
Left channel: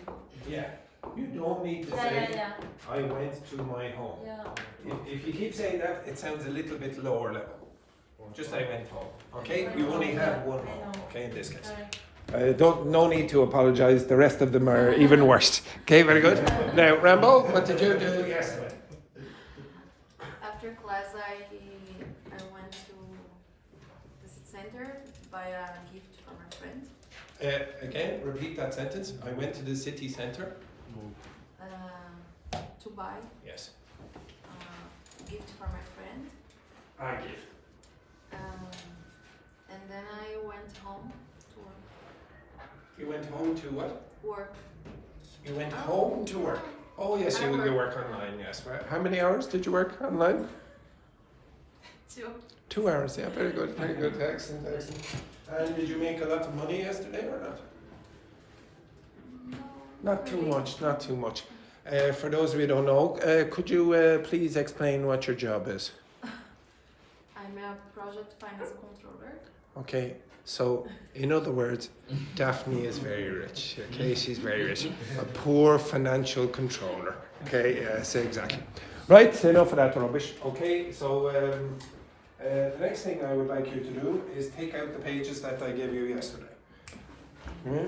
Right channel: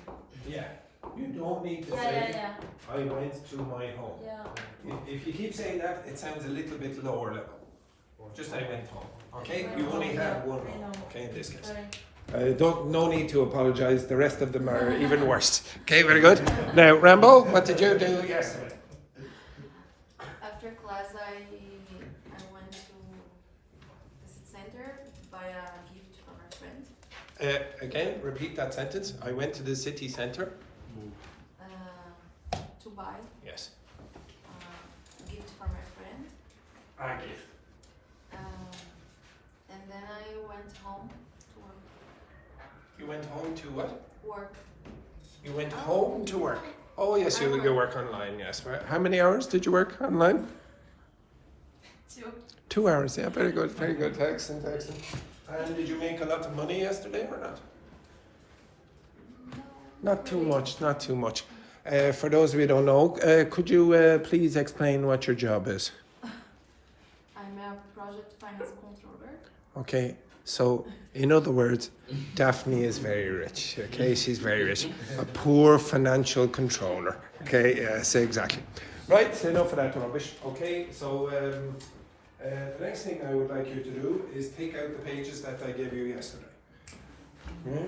Yeah, you don't need to say, I went to my home. If you keep saying that, it sounds a little bit lower level. Just I went home, okay? You only have one home, okay, in this case. No need to apologise, the rest of them are even worse. Okay, very good. Now, Rambo, what did you do yesterday? After class, I went to the city center to buy a gift for my friend. Again, repeat that sentence. I went to the city centre. To buy Yes. a gift for my friend. A gift. And then I went home to work. You went home to what? Work. You went home to work. Oh yes, you work online, yes. How many hours did you work online? 2. 2 hours, yeah, very good, very good. Excellent, excellent. And did you make a lot of money yesterday or not? Not too much, not too much. For those of you who don't know, could you please explain what your job is? I'm a project finance controller. Okay, so in other words, Daphne is very rich, okay? She's very rich. A poor financial controller, okay? Yes, exactly. Right, enough of that rubbish, okay? So the next thing I would like you to do is take out the pages that I gave you yesterday. Okay?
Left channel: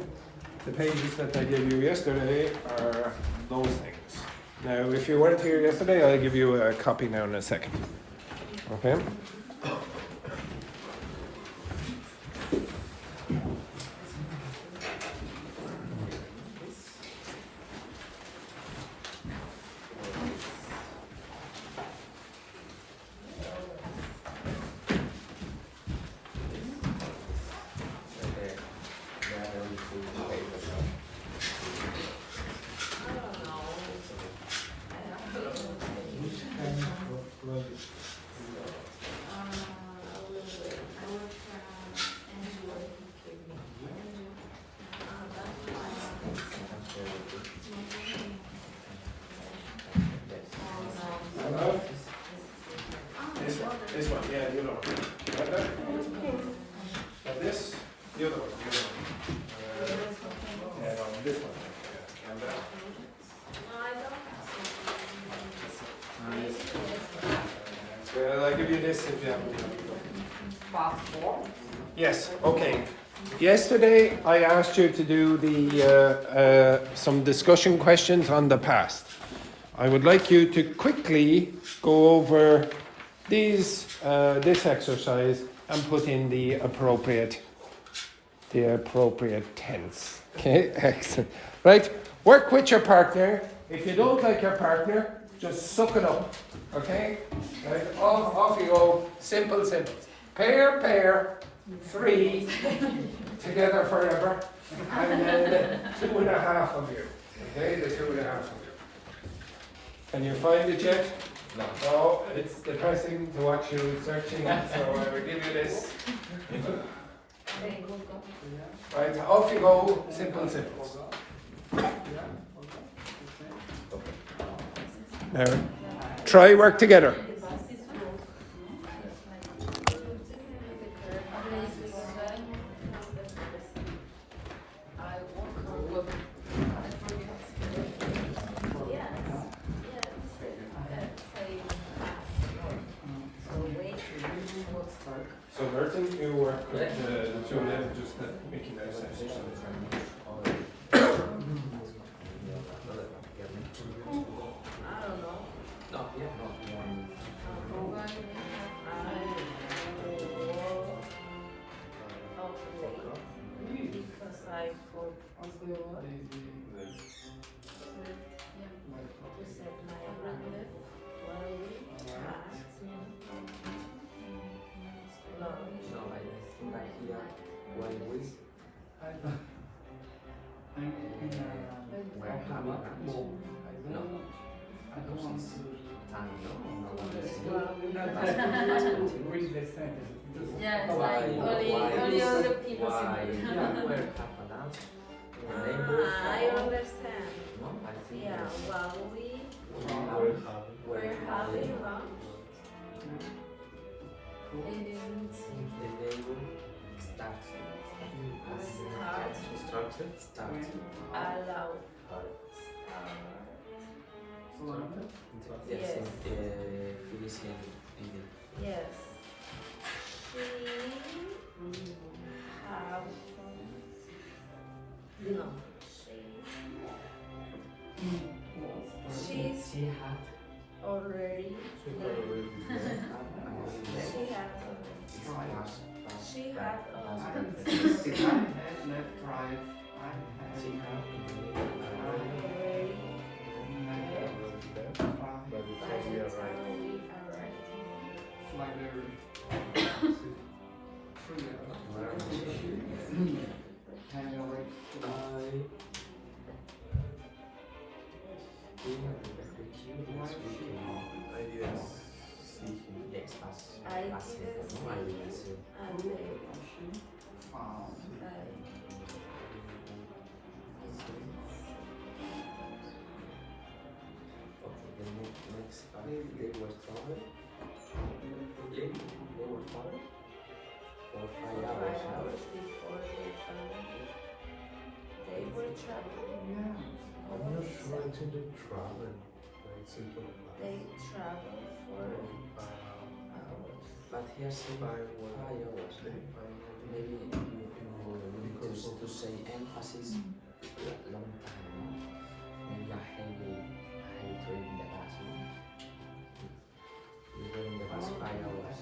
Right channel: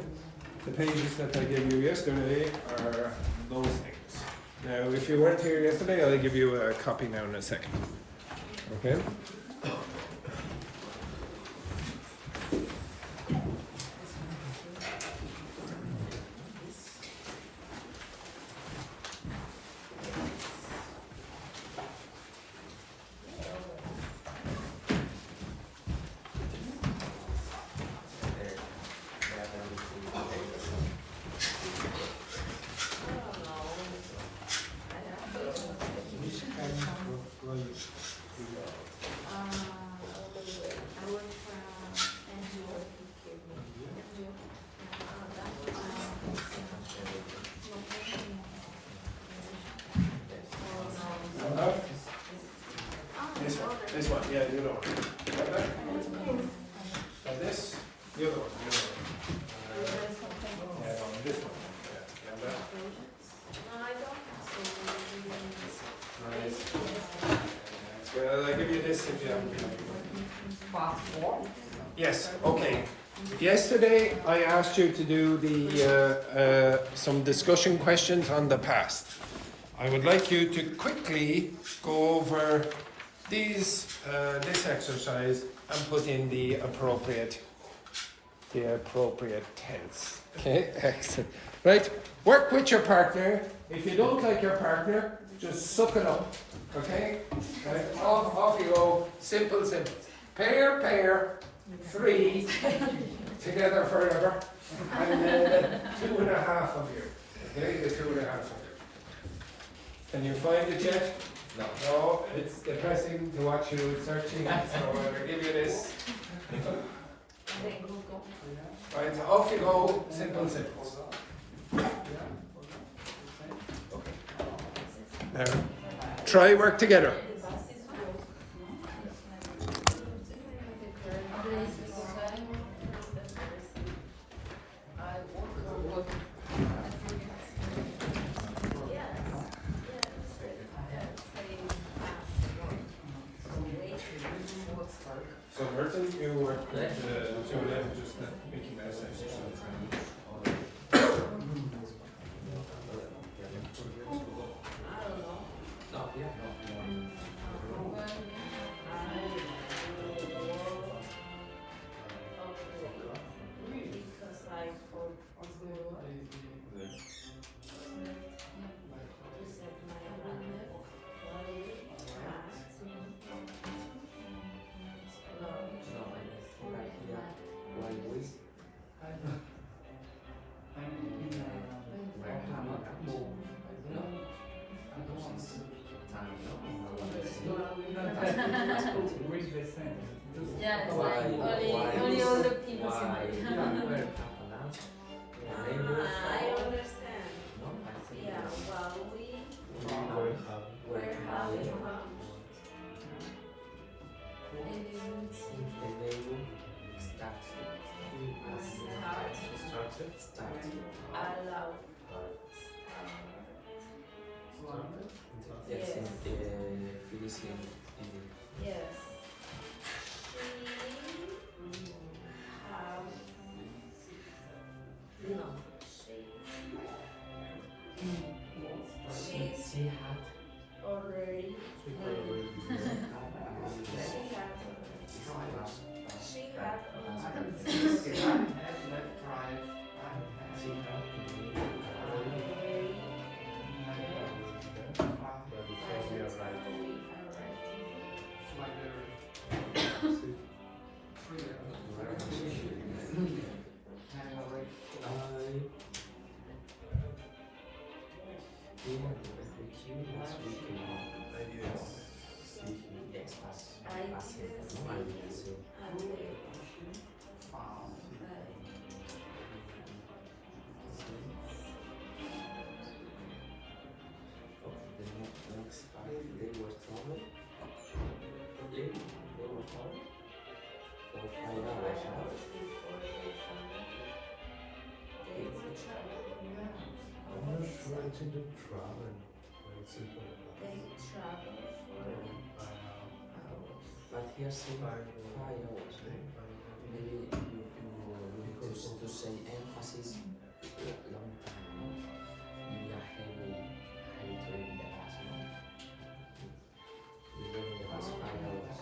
The pages that I gave you yesterday are those things. Now, if you weren't here yesterday, I'll give you a copy now in a second. Okay? This one, yeah, you know. Like that? And this, the other one, yeah, no, this one. Yeah, and that. Well, I'll give you this if you Passport. Yes, okay. Yesterday I asked you to do the some discussion questions on the past. I would like you to quickly go over this exercise and put in the appropriate tense. Okay, excellent. Right, work with your partner. If you don't like your partner, just suck it up. Okay, and off you go. Simple. Pair, 3 together forever, and then the 2.5 of you. Okay, the 2.5 of you. Can you find it yet? No, it's depressing to watch you searching, so I will give you this. Right, off you go, simple. Now, try work together. the two men just making their sense. Because I forgot to set my brand Read the sentence. Yeah, it's like only all the people I understand. Yeah, well, we're having start allow yes. Yes. She had already she had Left, right. But here's some maybe to say emphasis long time. Maybe a heavy to in the past. We were in the past 5 hours.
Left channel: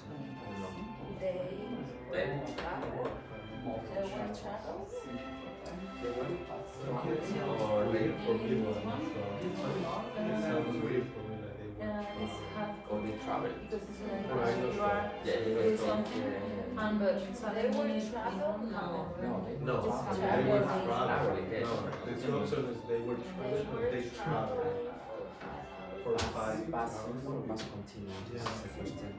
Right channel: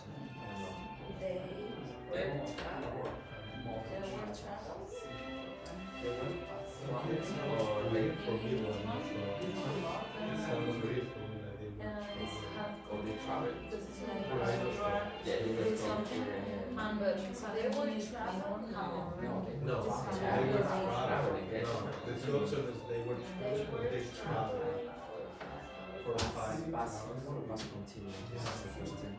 Or maybe for me, it sounds weird for me that they It's hard Or they travel. because it's like you are doing something and suddenly it doesn't happen. No, Just they travel. were traveling. No, the two options they were traveling, but they traveled for 5 hours. Must continue. This is the first time.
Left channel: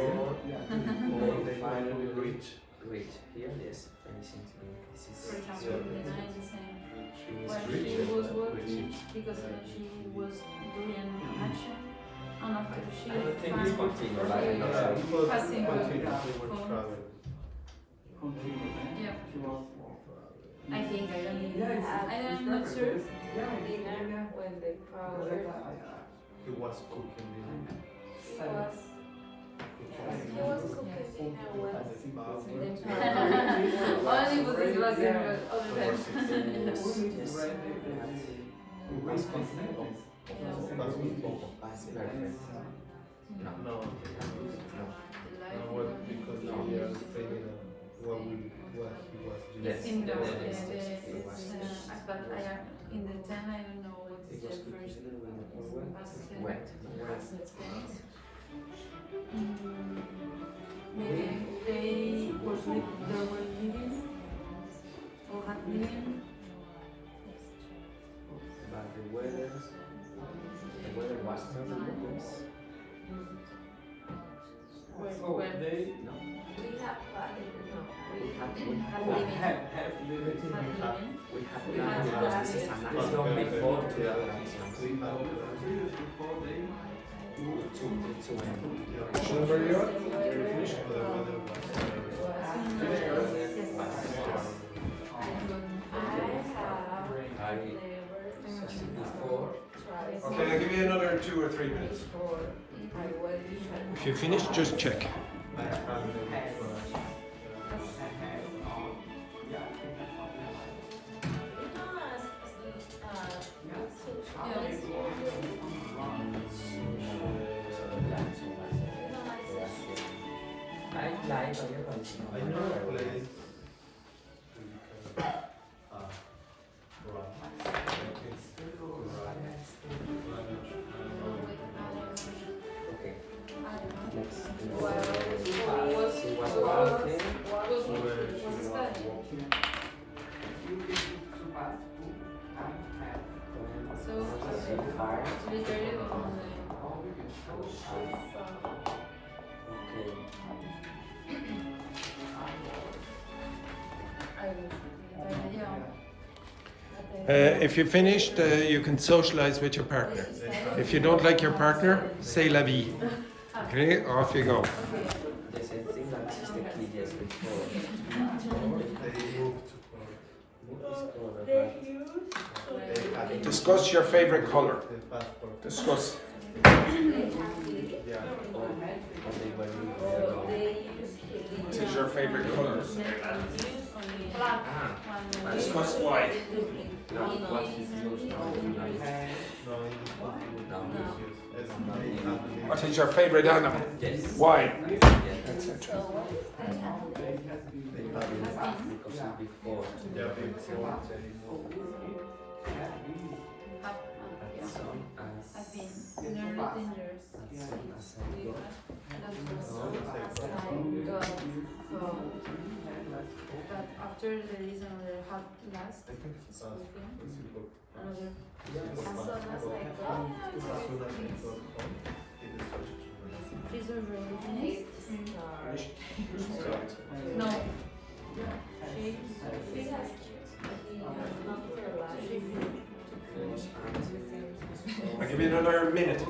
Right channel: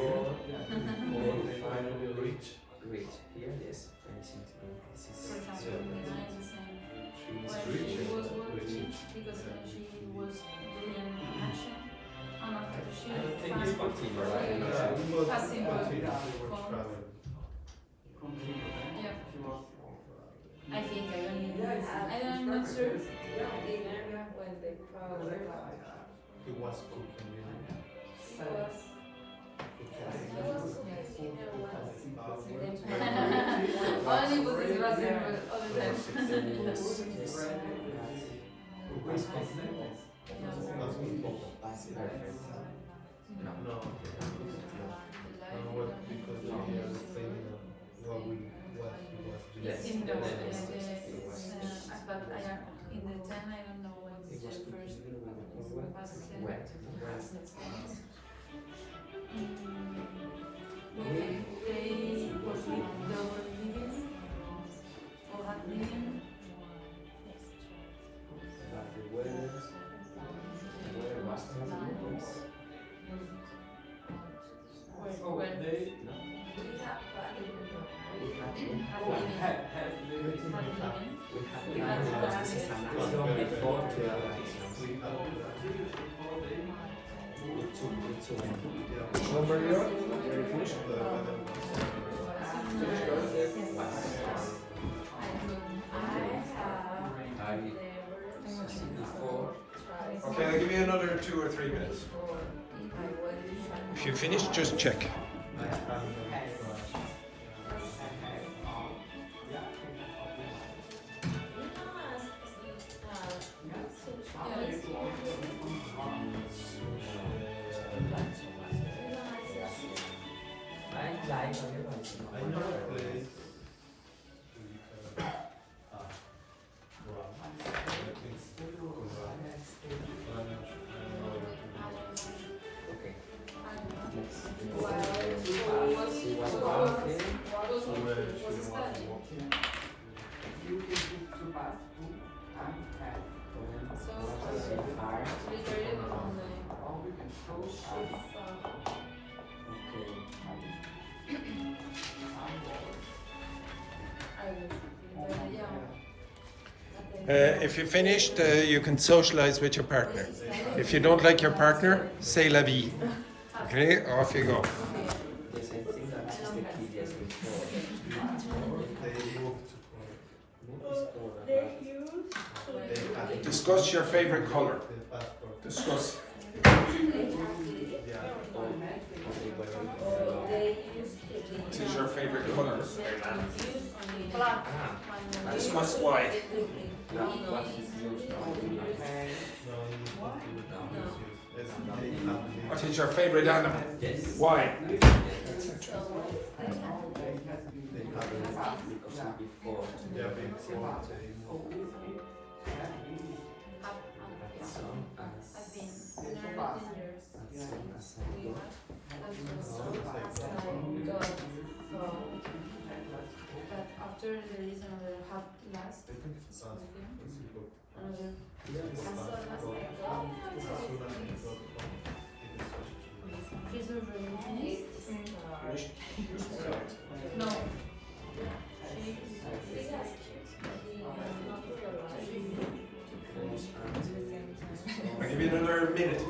Before they finally reach. Wait, here, yes, finishing today. This is For example, Nina is the same. She was When reaching. she was working, reaching. because she was doing an action, and after she I think found it's continue, like, she you know, Yeah, passing her continue, they were phone. traveling. Yeah, I think I'm not sure. when the crowd He was cooking dinner. Only because it was in all the time. That's perfect. No, No, because we are saying what he was doing. Yes. It's in the, Yes. but in the 10 I don't know what's It the was first past tense. wet. Past tense. Maybe they were living or had living. But the weather was terrible. Yes. When They No. had living. have lived Had living. We had because this is an action before to the Number you? Very finished. Okay, I'll give you another 2 or 3 minutes. If you finish, just check. I found I never played. Okay. Well, Was studying. So, literally on the Okay. If you finished, you can socialize with your partner. If you don't like your partner, say la vie. Okay, off you go. Yes, I think that is the key, yes, before. Discuss your favorite color. Discuss. What is your favorite color? Discuss why. What is your favorite animal? Why? But after there is another hot last weekend, another she's already finished. No. I'll give you another minute.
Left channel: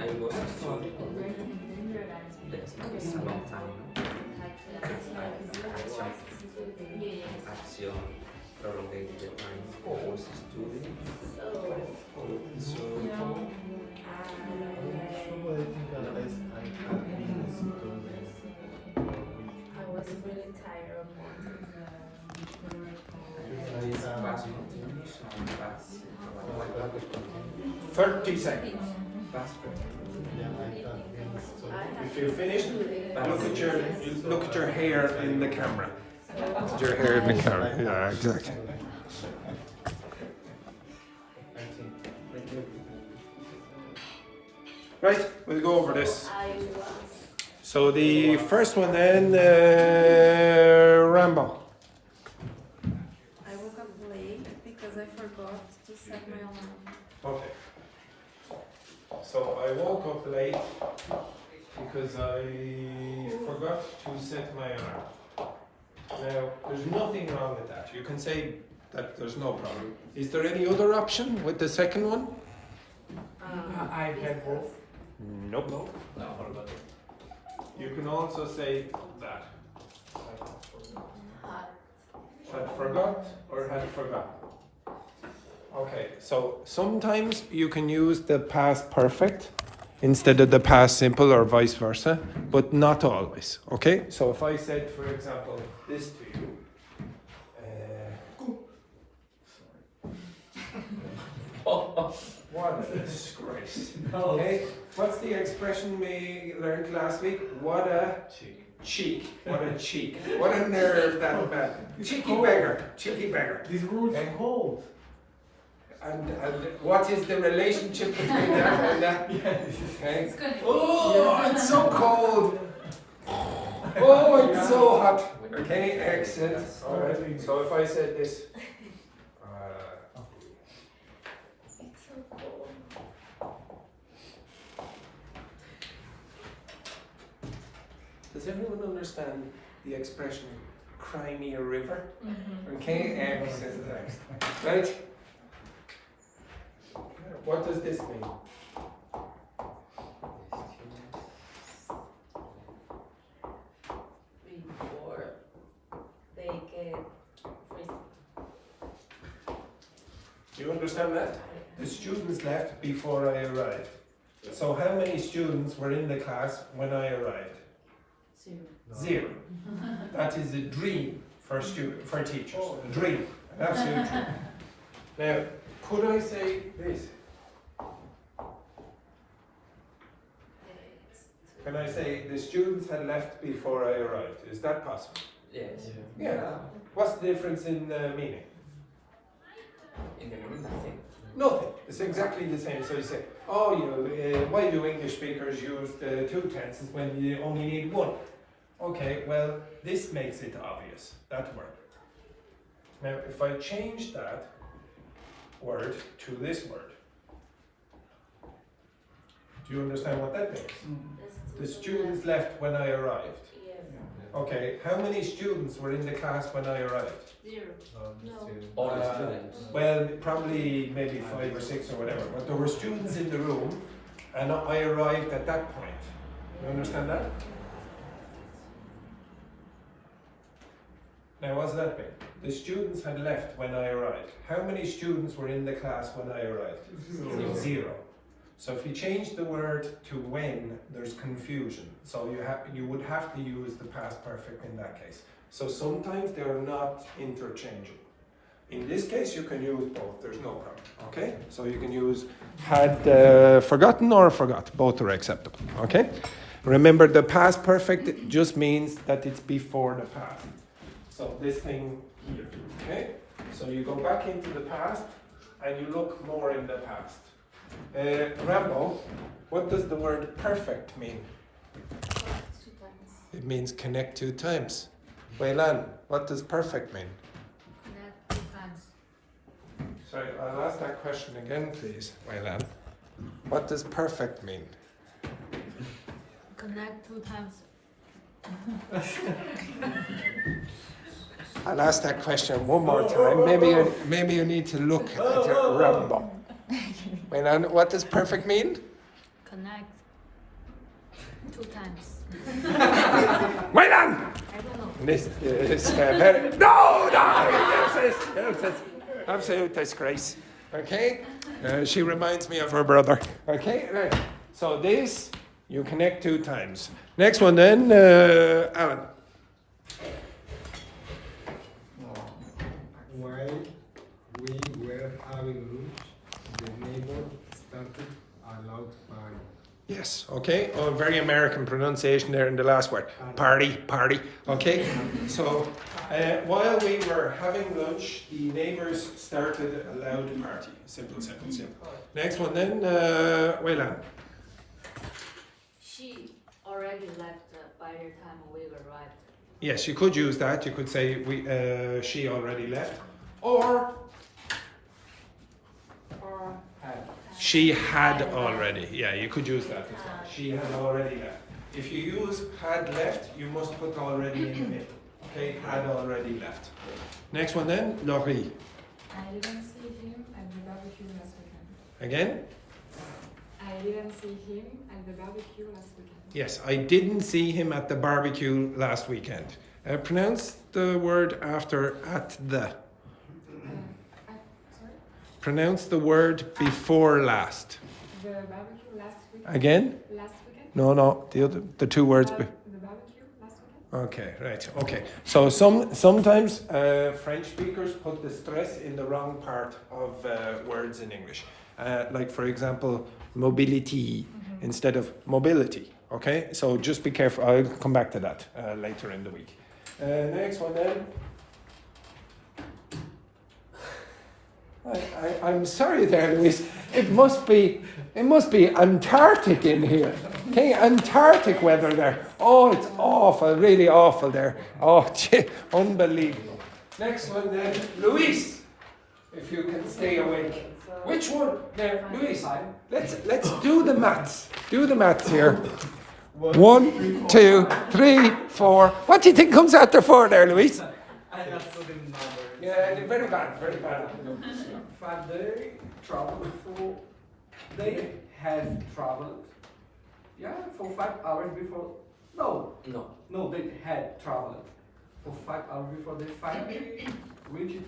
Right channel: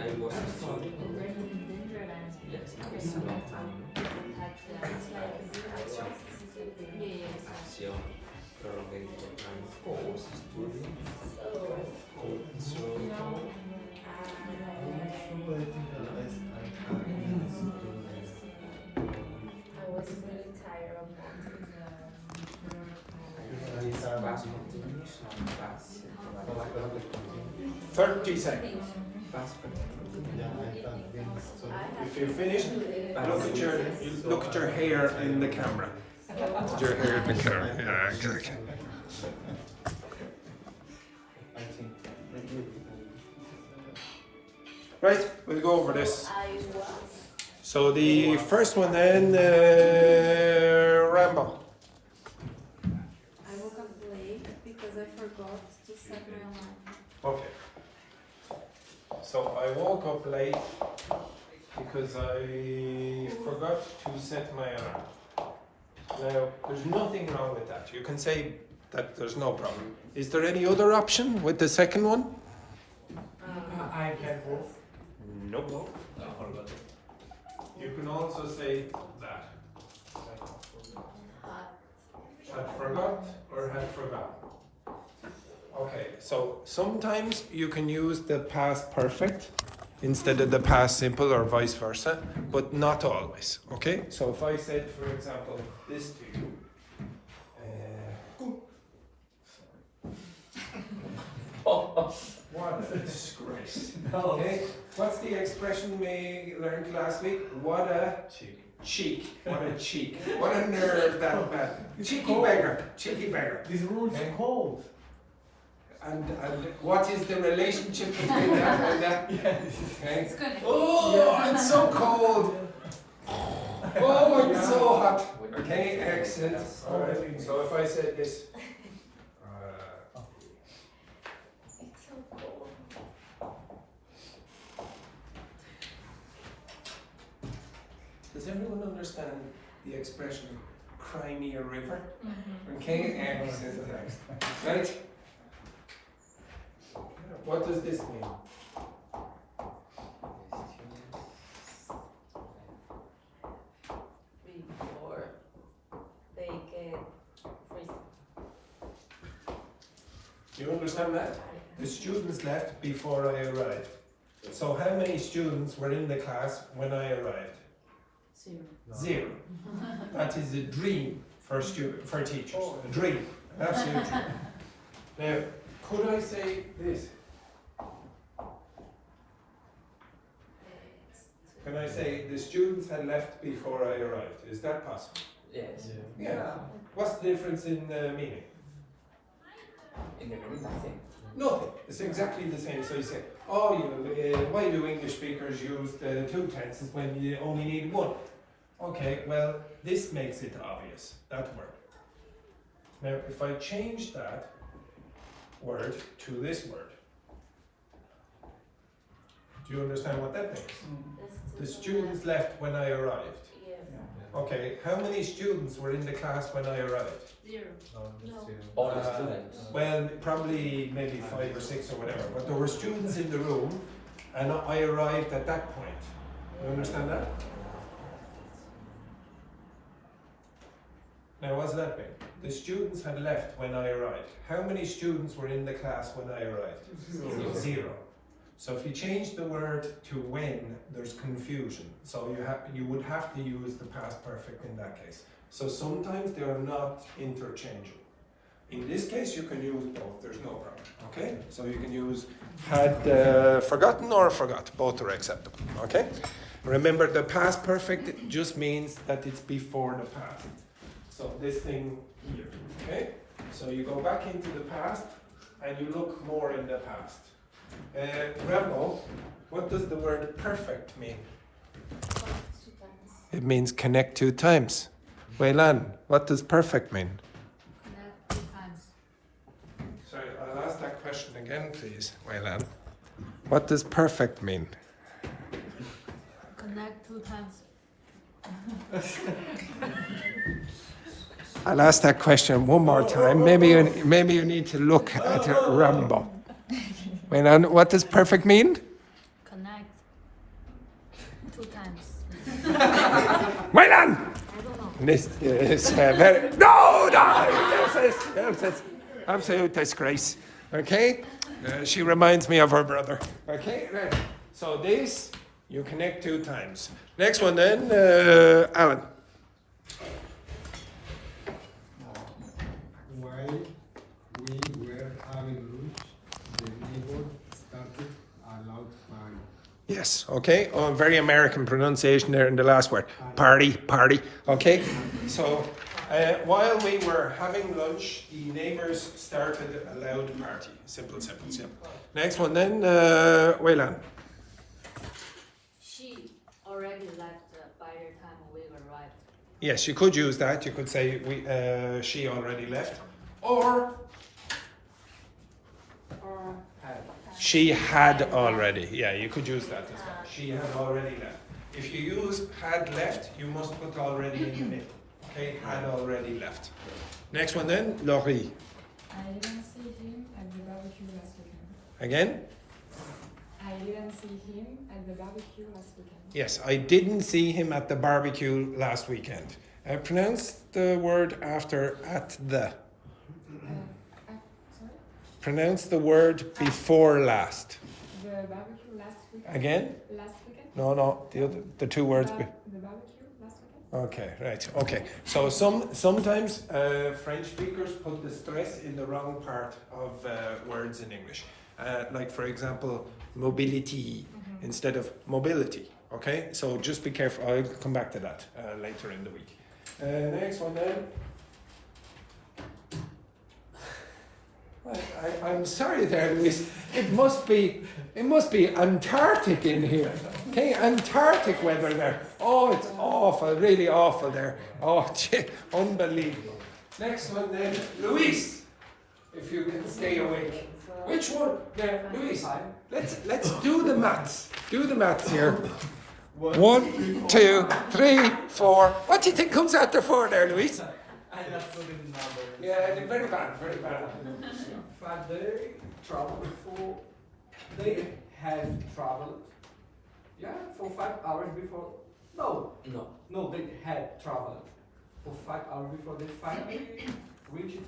I was a student. It's a long time, no? Action prolonged the time. I was a student. I was really tired of that. 30 seconds. If you're finished, look at your hair in the camera. Look at your hair in the camera. Yeah, exactly. Right, we'll go over this. So the first one then, Rambo. I woke up late because I forgot to set my alarm. Okay. So I woke up late because I forgot to set my alarm. Now, there's nothing wrong with that. You can say that there's no problem. Is there any other option with the second one? I get both. Nope. You can also say that. Had forgot or had forgotten. Okay, so sometimes you can use the past perfect instead of the past simple or vice versa, but not always. Okay, so if I said, for example, this to you, what a disgrace. Okay, what's the expression we learned last week? What a cheek. What a cheek. What a nerve that bad. Cheeky beggar. Cheeky beggar. These rules are cold. And what is the relationship between that and that? Okay. Oh, it's so cold. Oh, it's so hot. Okay, excellent. All right. So if I said this. Does everyone understand the expression cry me a river? Okay, excellent. Right? What does this mean? you understand that? The students left before I arrived. So how many students were in the class when I arrived? Zero. That is a dream for teachers. A dream. An absolute dream. Now, could I say this? Can I say the students had left before I arrived? Is that possible? Yes. Yeah. What's the difference in meaning? In the meaning, nothing. Nothing. It's exactly the same. So you say, oh, why do English speakers use the two tenses when you only need one? Okay, well, this makes it obvious, that word. Now, if I change that word to this word, do you understand what that means? The students left when I arrived. Okay, how many students were in the class when I arrived? All the students. Well, probably maybe 5 or 6 or whatever, but there were students in the room and I arrived at that point. You understand that? Now, what's that mean? The students had left when I arrived. How many students were in the class when I arrived? Zero. So if you change the word to when, there's confusion. So you would have to use the past perfect in that case. So sometimes they are not interchangeable. In this case, you can use both. There's no problem. Okay? So you can use had forgotten or forgot. Both are acceptable. Okay? Remember, the past perfect just means that it's before the past. So this thing here. Okay? So you go back into the past and you look more in the past. Rambo, what does the word perfect mean? It means connect 2 times. Weilan, what does perfect mean? Connect 2 times. Sorry, I'll ask that question again, please, Weilan. What does perfect mean? Connect 2 times. I'll ask that question one more time. Maybe you need to look at Rambo. Weilan, what does perfect mean? Connect 2 times. Weilan! I don't know. This is very... No! Nonsense! Absolute disgrace. Okay? She reminds me of her brother. Okay? Right. So this, you connect 2 times. Next one then, Alan. While we were having lunch, the neighbor started a loud party. Yes, okay. Oh, very American pronunciation there in the last word. Party. Okay? So, while we were having lunch, the neighbours started a loud party. Simple. Next one then, Weilan. She already left by the time we arrived. Yes, you could use that. You could say she already left. Or she had already. Yeah, you could use that as well. She had already left. If you use had left, you must put already in the middle. Okay, had already left. Next one then, Laurie. I didn't see him at the barbecue last weekend. Again? I didn't see him at the barbecue last weekend. Yes, I didn't see him at the barbecue last weekend. Pronounce the word after at the. Sorry? Pronounce the word before last. The barbecue last weekend? Again? Last weekend? No, the 2 words. The barbecue last weekend? Okay, right. Okay. So sometimes French speakers put the stress in the wrong part of words in English. Like for example, mobility instead of mobility. Okay, so just be careful. I'll come back to that later in the week. Next one then. I'm sorry there, Luis. It must be Antarctic in here. Okay, Antarctic weather there. Oh, it's awful, really awful there. Oh, unbelievable. Next one then, Luis. If you can stay awake. Which one? Now, Luis, let's do the maths. Do the maths here. 1, 2, 3, 4. What do you think comes after 4 there, Luis? I'm not good in numbers. Yeah, very bad. But they traveled for, they had traveled, for 5 hours before, no, they had traveled for 5 hours before they finally reach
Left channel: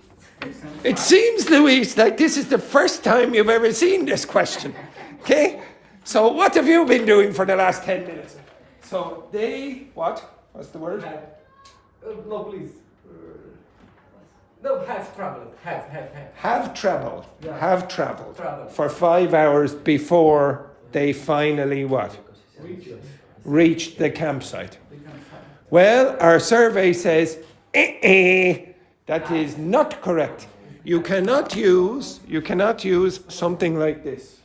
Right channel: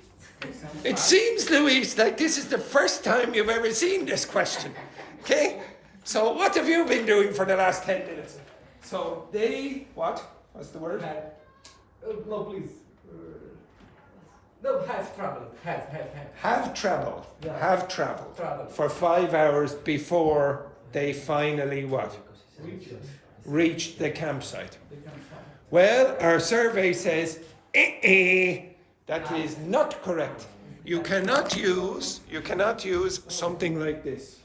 exam. It seems, Luis, like this is the first time you've ever seen this question. Okay? So what have you been doing for the last 10 minutes? So they, what? What's the word? No, please. No, have traveled. Have. Have traveled. Yeah. Have traveled. Traveled. For 5 hours before they finally what? Reached the campsite. They can find. Well, our survey says, that is not correct. You cannot use something like this.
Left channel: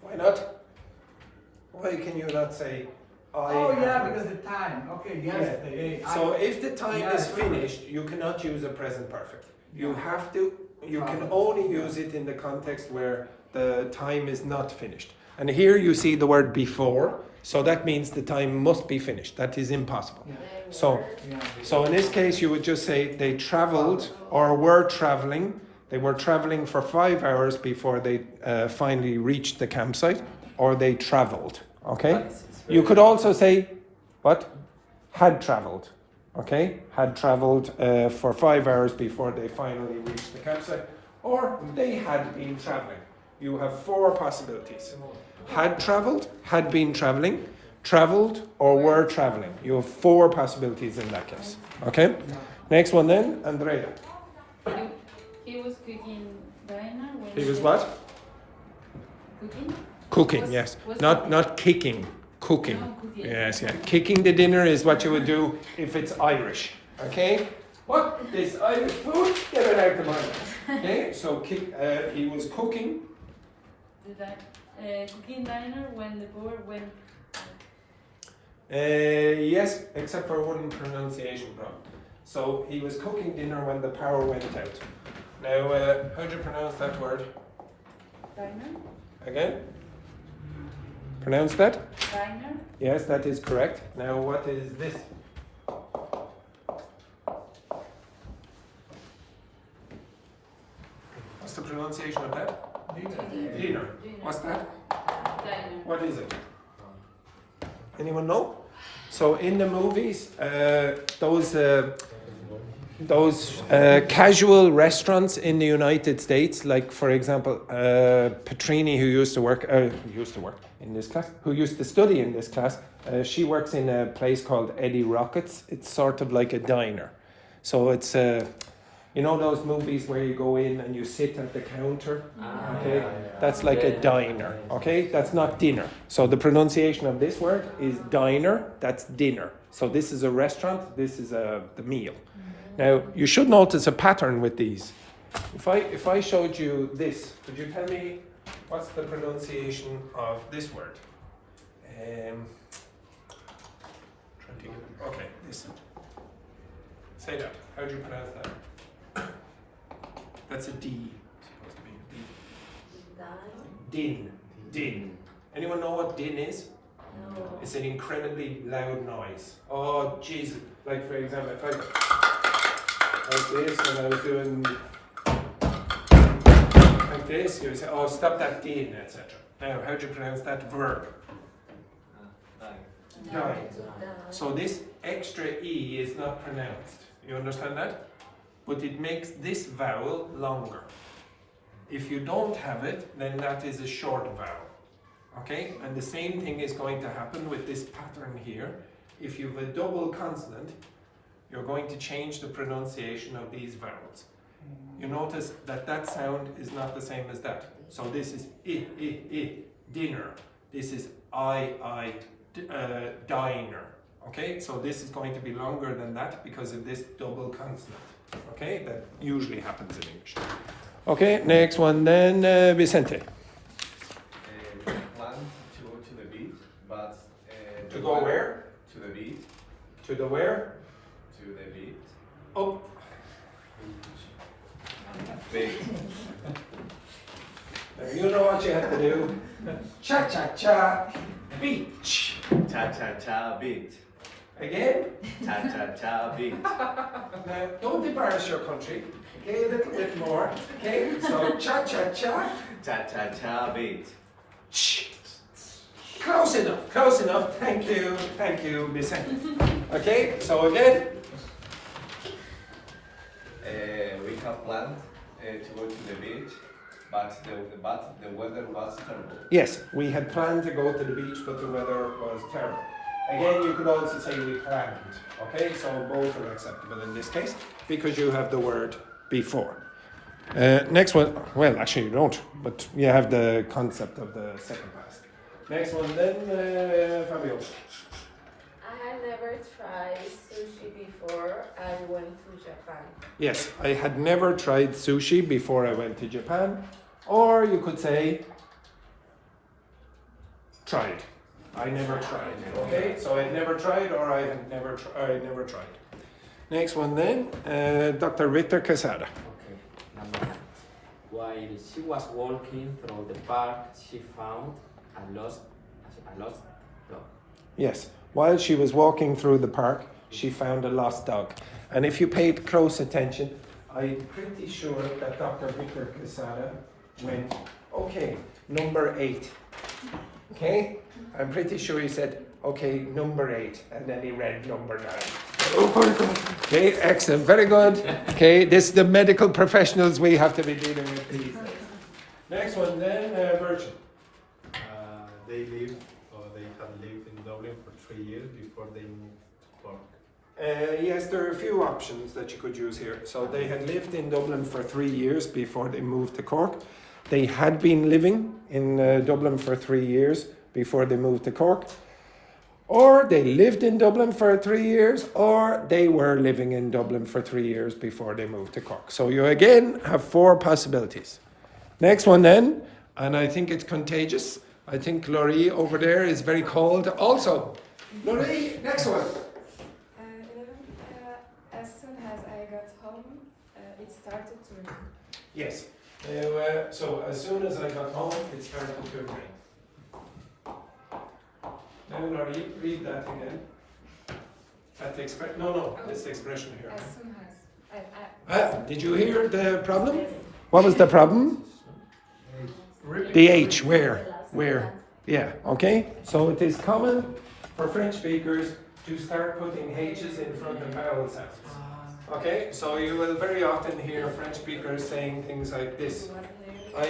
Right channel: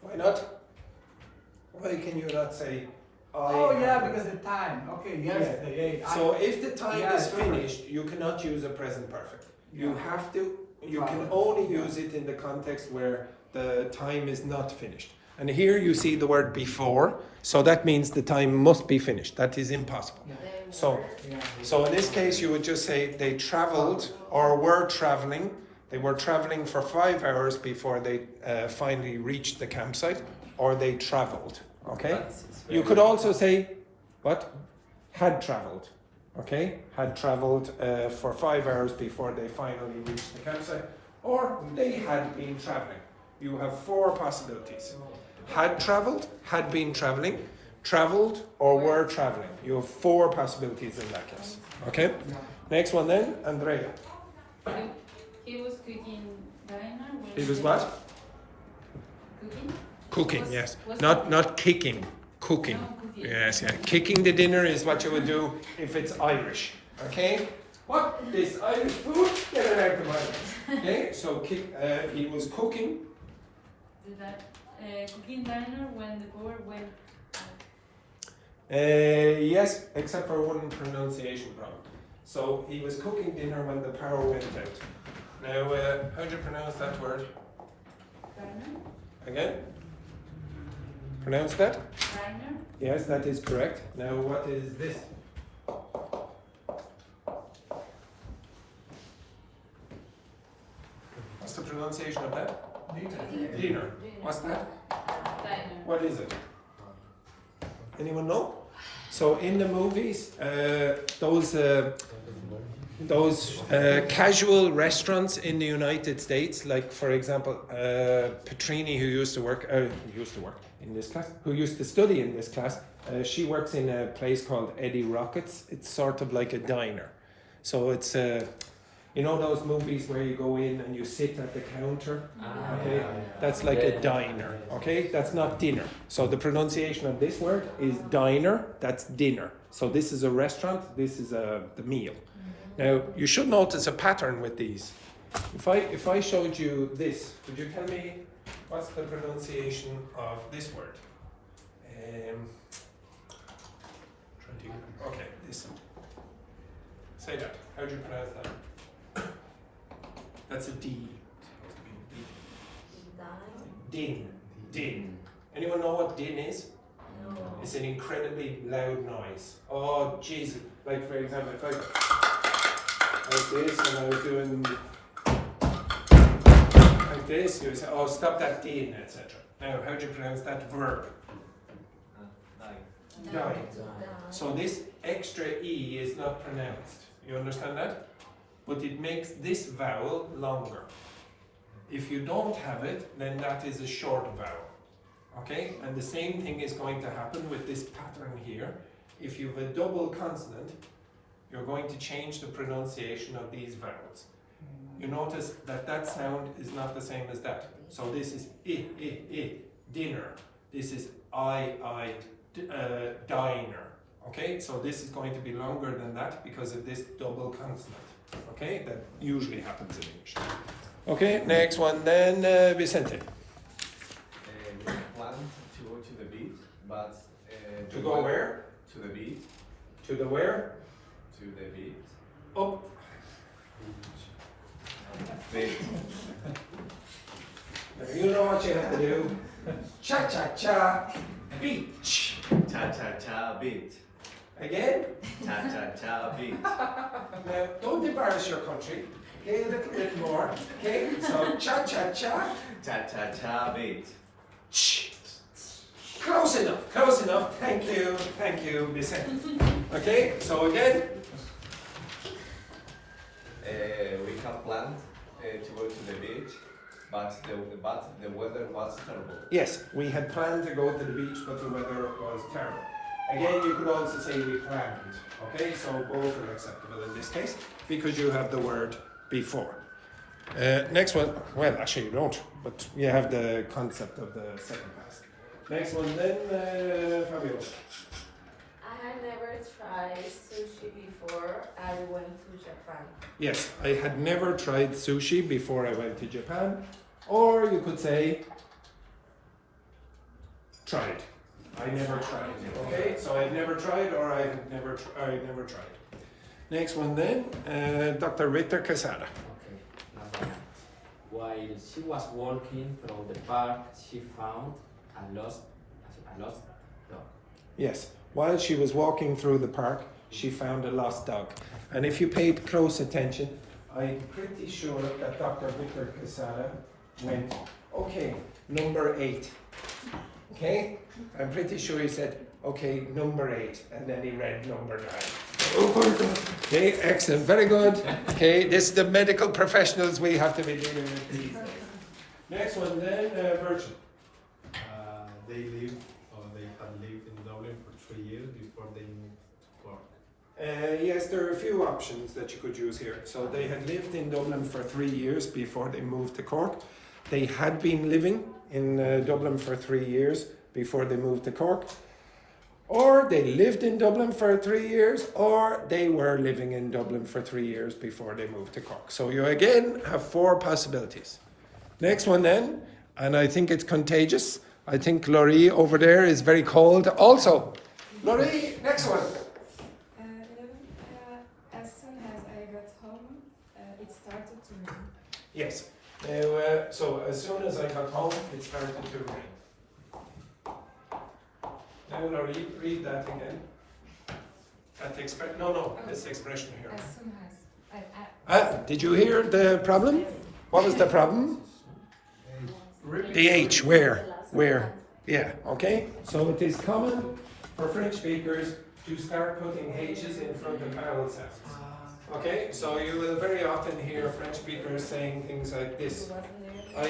Why not? Why can you not say, Oh yeah, because the time. Okay, yes, Yeah. the day. So if the time Yeah, is finished, you cannot use a present perfect. You have to, you can only use it in the context where the time is not finished. And here you see the word before, so that means the time must be finished. That is impossible. Yeah. So in this case, you would just say they traveled or were traveling. They were traveling for 5 hours before they finally reached the campsite, or they traveled. Okay. You could also say, what? Had traveled. Okay, had traveled for 5 hours before they finally reached the campsite, or they had been traveling. You have 4 possibilities. Had traveled, had been traveling, traveled, or were traveling. You have 4 possibilities in that case. Okay? Next one then, Andrea. He was cooking diner when He was what? Cooking? Cooking, Was- yes. was Not kicking, cooking. No, cooking. Yes, yeah. Kicking the dinner is what you would do if it's Irish. Okay? What? This Irish food? Get it out of Ireland. Okay? So he was cooking. Cooking diner when the power went. Yes, except for one pronunciation problem. So he was cooking dinner when the power went out. Now, how do you pronounce that word? Diner? Again? Pronounce that? Diner? Yes, that is correct. Now, what is this? What's the pronunciation of that? Dinner. What's that? Diner. What is it? Anyone know? So in the movies, those casual restaurants in the United States, like for example, Petrini, who used to work in this class, who used to study in this class, she works in a place called Eddie Rockets. It's sort of like a diner. So it's, you know those movies where you go in and you sit at the counter? Okay, that's like a diner, okay? That's not dinner. So the pronunciation of this word is diner, that's dinner. So this is a restaurant, this is the meal. Now, you should notice a pattern with these. If I showed you this, could you tell me what's the pronunciation of this word? Okay, this. Say that. How do you pronounce that? That's a D. Supposed to be a D. Din. Din. Anyone know what din is? No. It's an incredibly loud noise. Oh, jeez. Like for example, if I like this and I was doing like this, you would say, oh, stop that din, etc. Now, how do you pronounce that verb? Die. So this extra E is not pronounced. You understand that? But it makes this vowel longer. If you don't have it, then that is a short vowel. Okay? And the same thing is going to happen with this pattern here. If you have a double consonant, you're going to change the pronunciation of these vowels. You notice that that sound is not the same as that. So this is I, dinner. This is I, diner. Okay, so this is going to be longer than that because of this double consonant. Okay, that usually happens in English. Okay, next one then, Vicente. We plan to go to the beach, but To go where? To the beach. To the where? To the beach. Up. Beach. You know what you have to do. Cha-cha-cha, beach. Cha cha cha beach. Again? Cha cha cha beach. Now, don't embarrass your country. Okay, a little bit more. Okay, so cha-cha-cha. Cha-cha-cha beat. Close enough. Thank you, Vicente. Okay, so again. We had planned to go to the beach, but the weather was terrible. Yes, we had planned to go to the beach, but the weather was terrible. Again, you could also say we planned. Okay, so both are acceptable in this case because you have the word before. Next one, well, actually you don't, but you have the concept of the second past. Next one then, Fabio. I had never tried sushi before I went to Japan. Yes, I had never tried sushi before I went to Japan, or you could say tried. I never tried. Okay, so I've never tried, or I never tried. Next one then, Dr. Ritter Quesada. Okay, number 9. While she was walking through the park, she found a lost dog. Yes, while she was walking through the park, she found a lost dog. And if you paid close attention, I'm pretty sure that Dr. Ritter Quesada went, okay, number 8. Okay, I'm pretty sure he said, okay, number 8, and then he read number 9. Okay, excellent, very good. Okay, this is the medical professionals we have to be dealing with these days. Next one then, Virgin. They had lived in Dublin for 3 years before they moved to Cork. Yes, there are a few options that you could use here. So they had lived in Dublin for 3 years before they moved to Cork. They had been living in Dublin for 3 years before they moved to Cork. Or they lived in Dublin for 3 years, or they were living in Dublin for 3 years before they moved to Cork. So you again have 4 possibilities. Next one then, and I think it's contagious. I think Laurie over there is very cold also. Laurie, next one. As soon as I got home, it started to rain. Yes. So as soon as I got home, it started to rain. Now, Laurie, read that again. That this expression here. As soon as Did you hear the problem? What was the problem? The H, where? Yeah, okay. So it is common for French speakers to start putting H's in front of vowel sounds. Okay, so you will very often hear French speakers saying things like this. I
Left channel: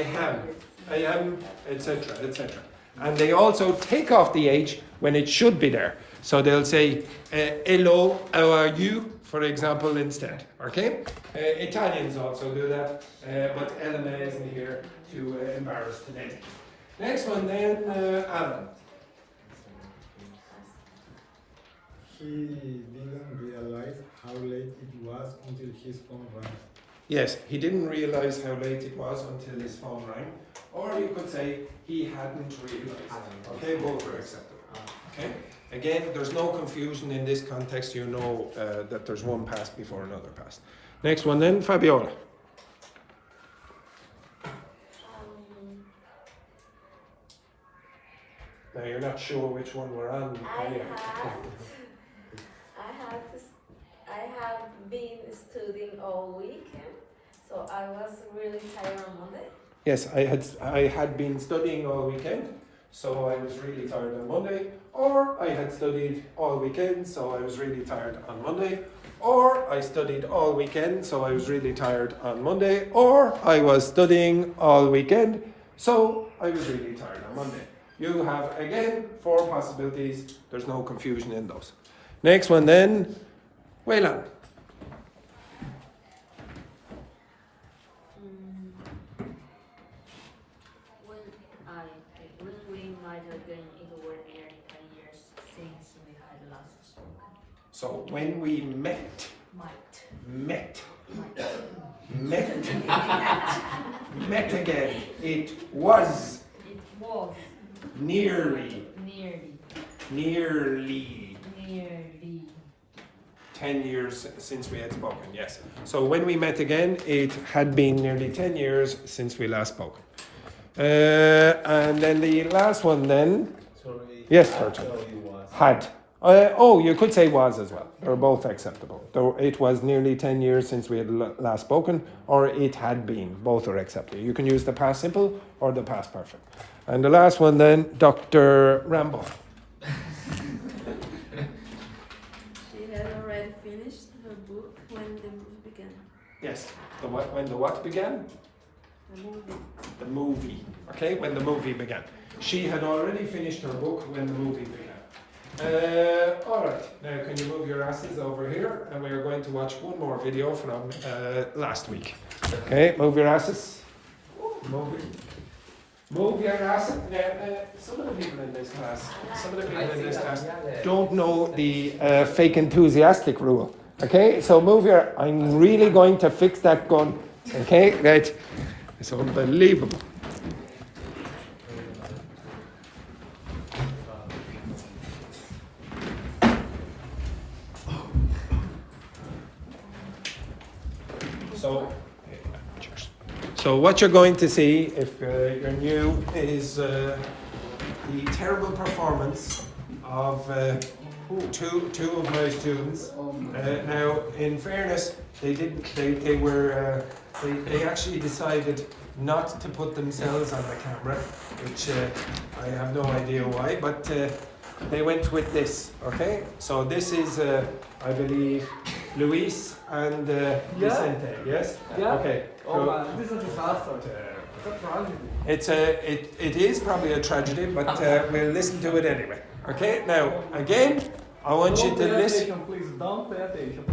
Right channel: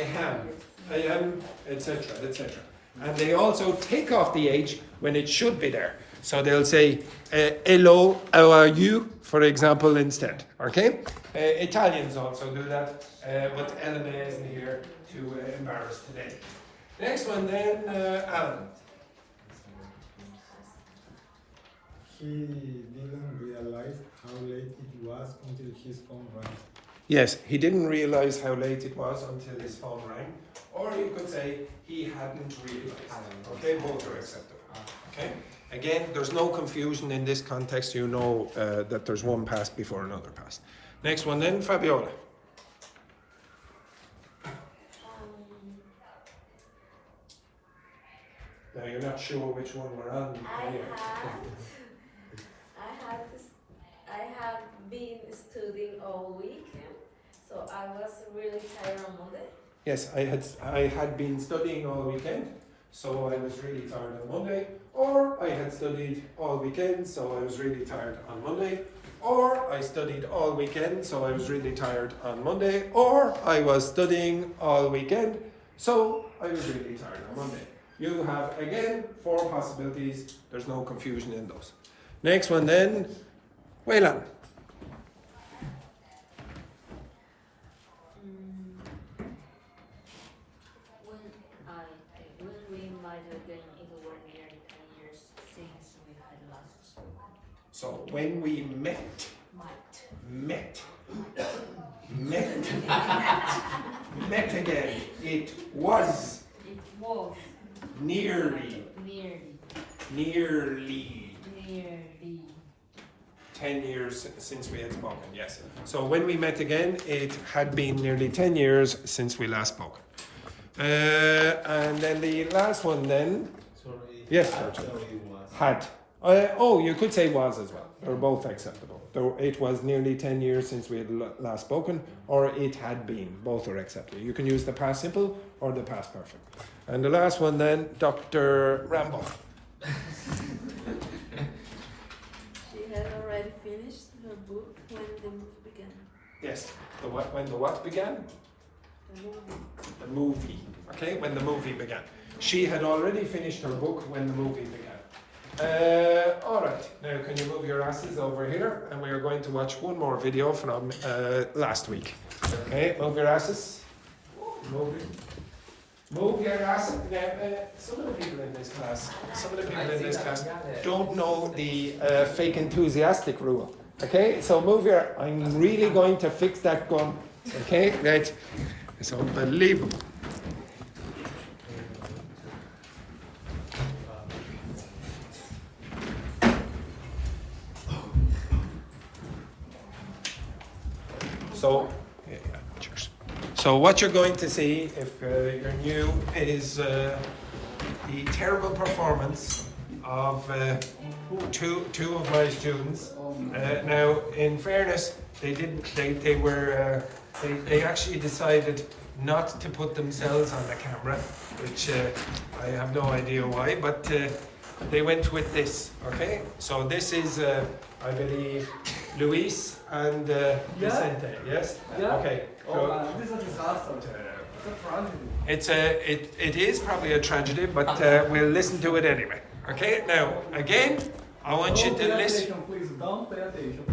am, etc., etc. And they also take off the H when it should be there. So they'll say, hello, how are you, for example, instead. Okay? Italians also do that, but Elena isn't here to embarrass today. Next one then, Alan. He didn't realize how late it was until his phone rang. Yes, he didn't realize how late it was until his phone rang. Or you could say he hadn't realized. Okay, both are acceptable. Okay? Again, there's no confusion in this context. You know that there's one past before another past. Next one then, Fabiola. Now you're not sure which one we're on. I have been studying all weekend, so I was really tired on Monday. Yes, I had been studying all weekend, so I was really tired on Monday. Or I had studied all weekend, so I was really tired on Monday. Or I studied all weekend, so I was really tired on Monday. Or I was studying all weekend, so I was really tired on Monday. You have, again, 4 possibilities. There's no confusion in those. Next one then, Wayland. When we met again, it were nearly 10 years since we had last spoken. So when we met again, it was nearly 10 years since we had spoken, yes. So when we met again, it had been nearly 10 years since we last spoke. And then the last one then. Sorry. Yes, Virgil. Actually was. Had. Oh, you could say was as well. They're both acceptable. Though it was nearly 10 years since we had last spoken, or it had been. Both are acceptable. You can use the past simple or the past perfect. And the last one then, Dr. Rambo. She had already finished her book when the movie began. Yes. When the what began? The movie. The movie. Okay, when the movie began. She had already finished her book when the movie began. All right, now can you move your asses over here, and we are going to watch one more video from last week. Okay, move your asses. Move your asses. Some of the people in this class, don't know the fake enthusiastic rule. Okay, so move your. I'm really going to fix that gun. Okay, right. It's unbelievable. So what you're going to see, if you're new, is the terrible performance of two of my students. Now, in fairness, they actually decided not to put themselves on the camera, which I have no idea why, but they went with this. Okay, so this is, I believe, Luis and Vicente. Yes. Yeah. Okay. So, This is a disaster. It's a tragedy. it is probably a tragedy, but we'll listen to it anyway. Okay. Now, again, I want you to listen. Please don't pay attention.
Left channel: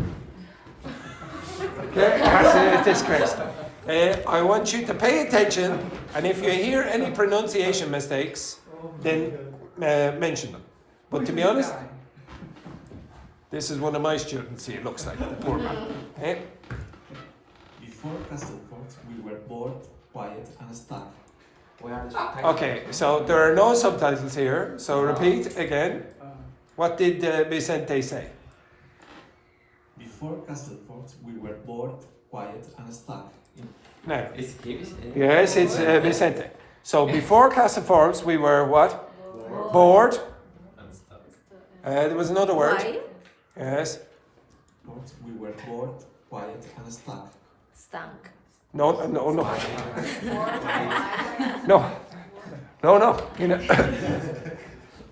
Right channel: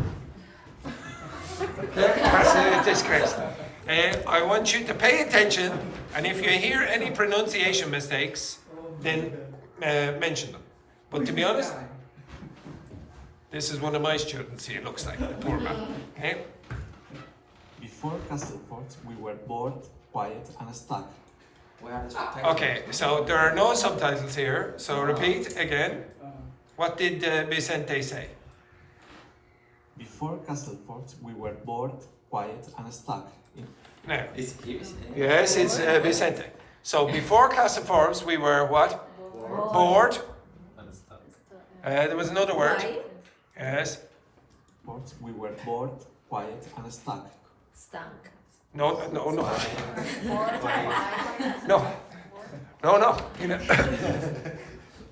This correct. I want you to pay attention, and if you hear any pronunciation mistakes, then mention them. But to be honest, this is one of my students. He looks like a poor man. Okay. Before Castlefort, we were bored, quiet, and stuck. Okay, so there are no subtitles here. So repeat again. What did Vicente say? Before Castlefort, we were bored, quiet, and stuck. No. Is he Vicente? Yes, it's Vicente. So before Castlefort, we were what? Bored. There was another word. Why? Yes. We were bored, quiet, and stuck. Stank. No. No. You know.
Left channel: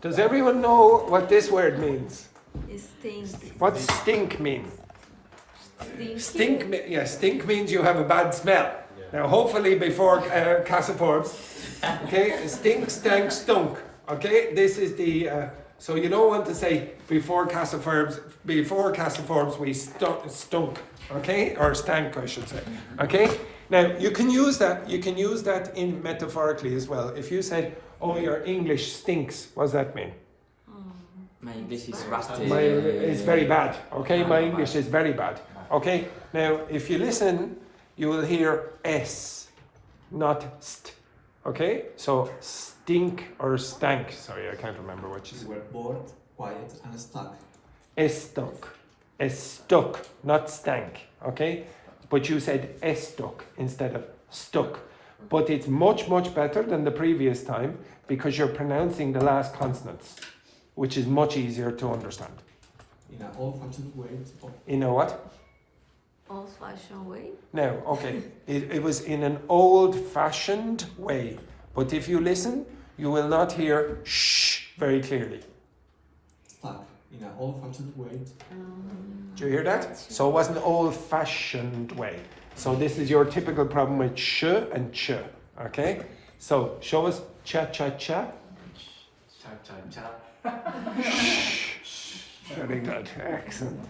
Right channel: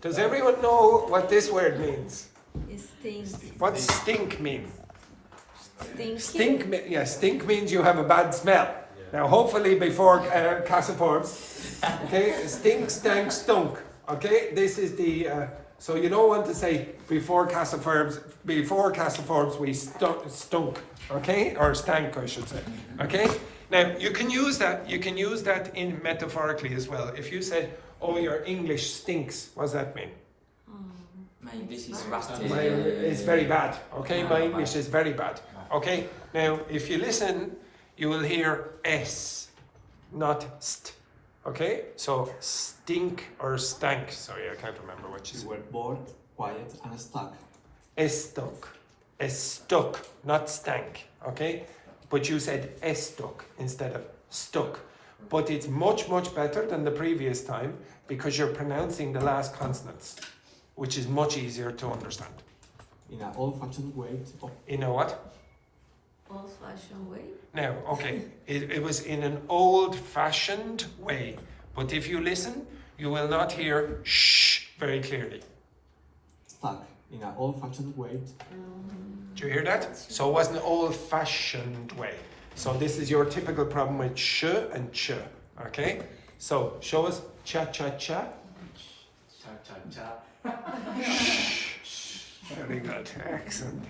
Does everyone know what this word means? It stinks. What stink mean? Stinky. Stink means you have a bad smell. Now, hopefully, before Castlefort, okay, stink, stank, stunk. Okay, this is the. So you don't want to say before Castlefort we stunk. Okay, or stank, I should say. Okay. Now you can use that. You can use that in metaphorically as well. If you said, "Oh, your English stinks," what does that mean? My English is rusty. It's very bad. Okay, my English is very bad. Okay. Now, if you listen, you will hear s, not st. Okay. So stink or stank. Sorry, I can't remember which is. We were bored, quiet, and stuck. Stuck, not stank, okay? But you said stuck instead of stuck. But it's much, much better than the previous time because you're pronouncing the last consonants, which is much easier to understand. In an old-fashioned way. In a what? Old-fashioned way. No, okay. It was in an old-fashioned way. But if you listen, you will not hear shh very clearly. Stuck. In an old-fashioned way. Do you hear that? So it was an old-fashioned way. So this is your typical problem with sh and ch. Okay? So show us cha-cha-cha. Cha-cha-cha. Very good. Excellent.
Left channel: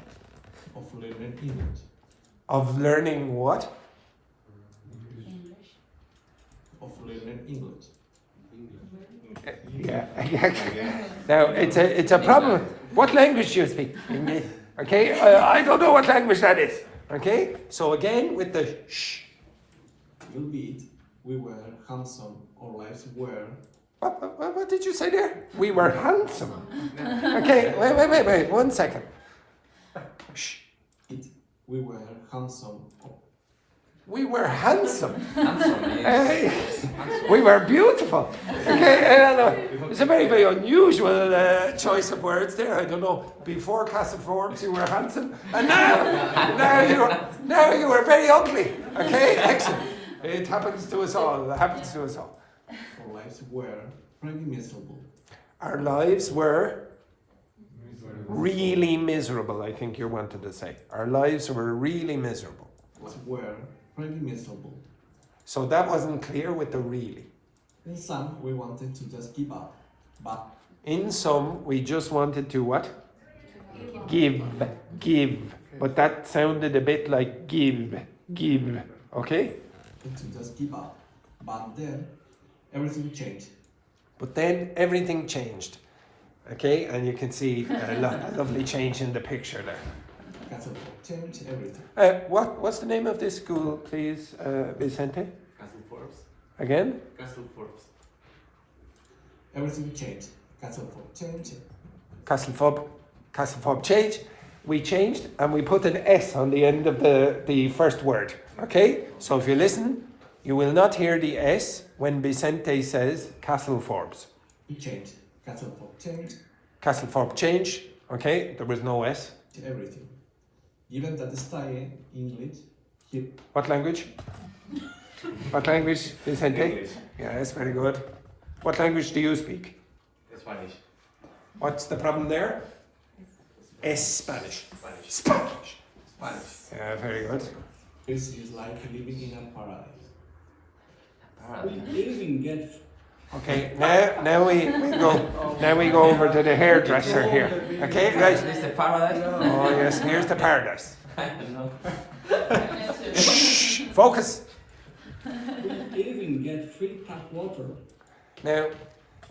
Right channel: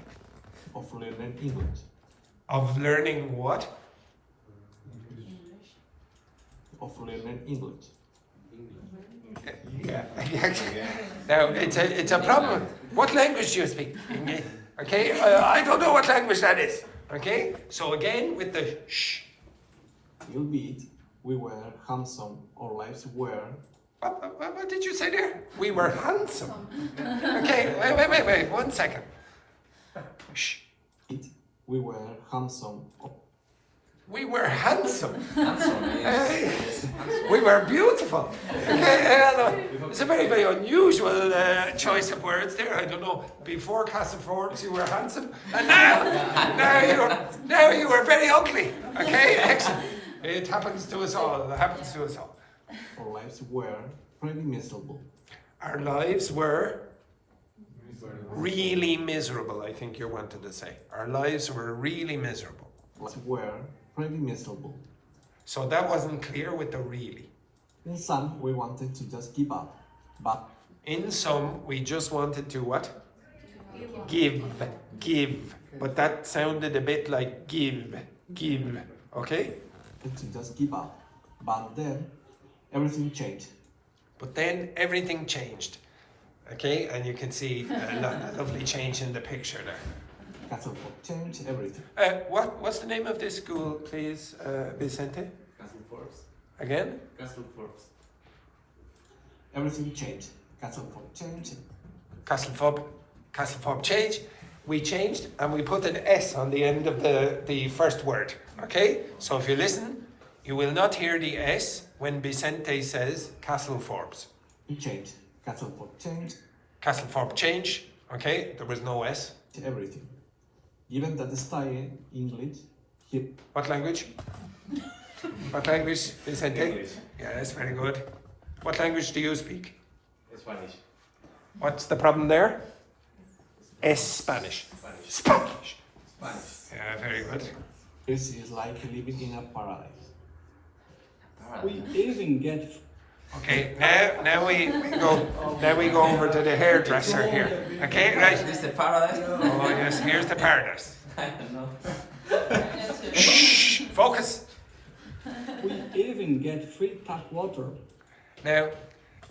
Of learning English. Of learning what? Of learning English. Yeah. Now it's a problem. What language do you speak? Okay, I don't know what language that is. Okay, so again with the shh. Albeit we were handsome, our lives were. What did you say there? We were handsome. Okay, wait, 1 second. Shh. We were handsome. We were handsome. Handsome, Hey, we were beautiful. Okay, I know. It's a very, very unusual choice of words there. I don't know. Before Castle Forbes, you were handsome, and now you were very ugly. Okay, excellent. It happens to us all. It happens to us all. Our lives were pretty miserable. Our lives were really miserable. I think you wanted to say. Our lives were really miserable. Lives were pretty miserable. So that wasn't clear with the really. In some, we wanted to just give up, but In some, we just wanted to what? Give. But that sounded a bit like give. Okay? to just give up. But then everything changed. But then everything changed. Okay? And you can see a lovely change in the picture there. Castle changed everything. What's the name of this school, please, Vicente? Castle Forbes. Again? Castle Forbes. Everything changed. Castle changed. Castle Fob change. We changed and we put an S on the end of the first word. Okay? So if you listen, you will not hear the S when Vicente says Castle Forbes. We changed. Castle changed. Castle Fob change. Okay? There was no S. Everything. Even that style English. What language? What language, Vicente? English. Yes, very good. What language do you speak? Spanish. What's the problem there? Spanish. Spanish. Yeah, very good. This is like living in a paradise. We even get Okay, now we go over to the hairdresser here. Okay, right. Is the paradise? Oh yes, here's the paradise. No. Shh, focus. we even get free tap water. Now,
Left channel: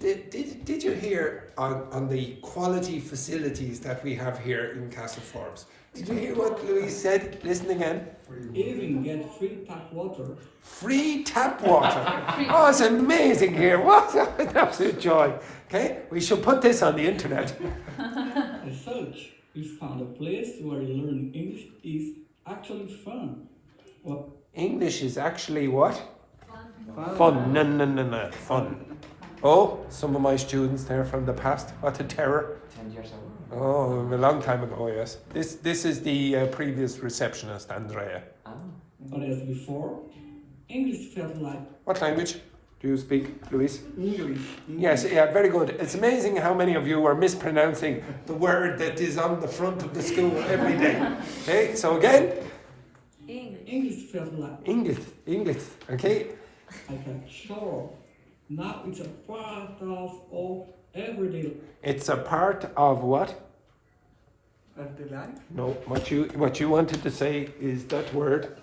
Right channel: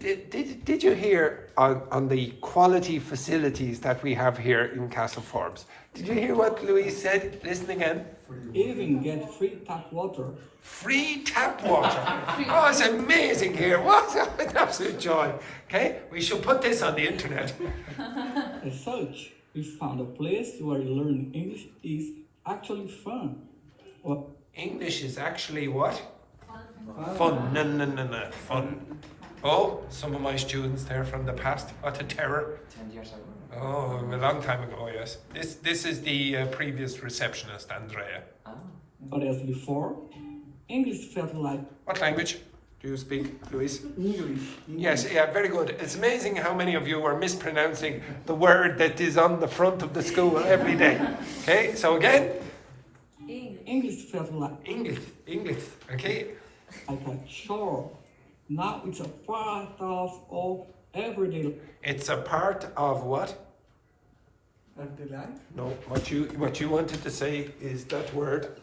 did you hear on the quality facilities that we have here in Castle Forbes? Did you hear what Louise said? Listen again. Even get free tap water. Free tap water. Oh, it's amazing here. What an absolute joy. Okay, we should put this on the internet. As such, we found a place where learning English is actually fun. Well, English is actually what? Fun. No. Fun. Oh, some of my students there from the past. What a terror. 10 years ago. Oh, a long time ago, yes. This is the previous receptionist, Andrea. but as before, English felt like What language do you speak, Luis? English. Yes, yeah, very good. It's amazing how many of you are mispronouncing the word that is on the front of the school every day. Okay, so again, English felt like English, okay? a chore. Now it's a part of all everyday It's a part of what? of the life. No, what you wanted to say is that word.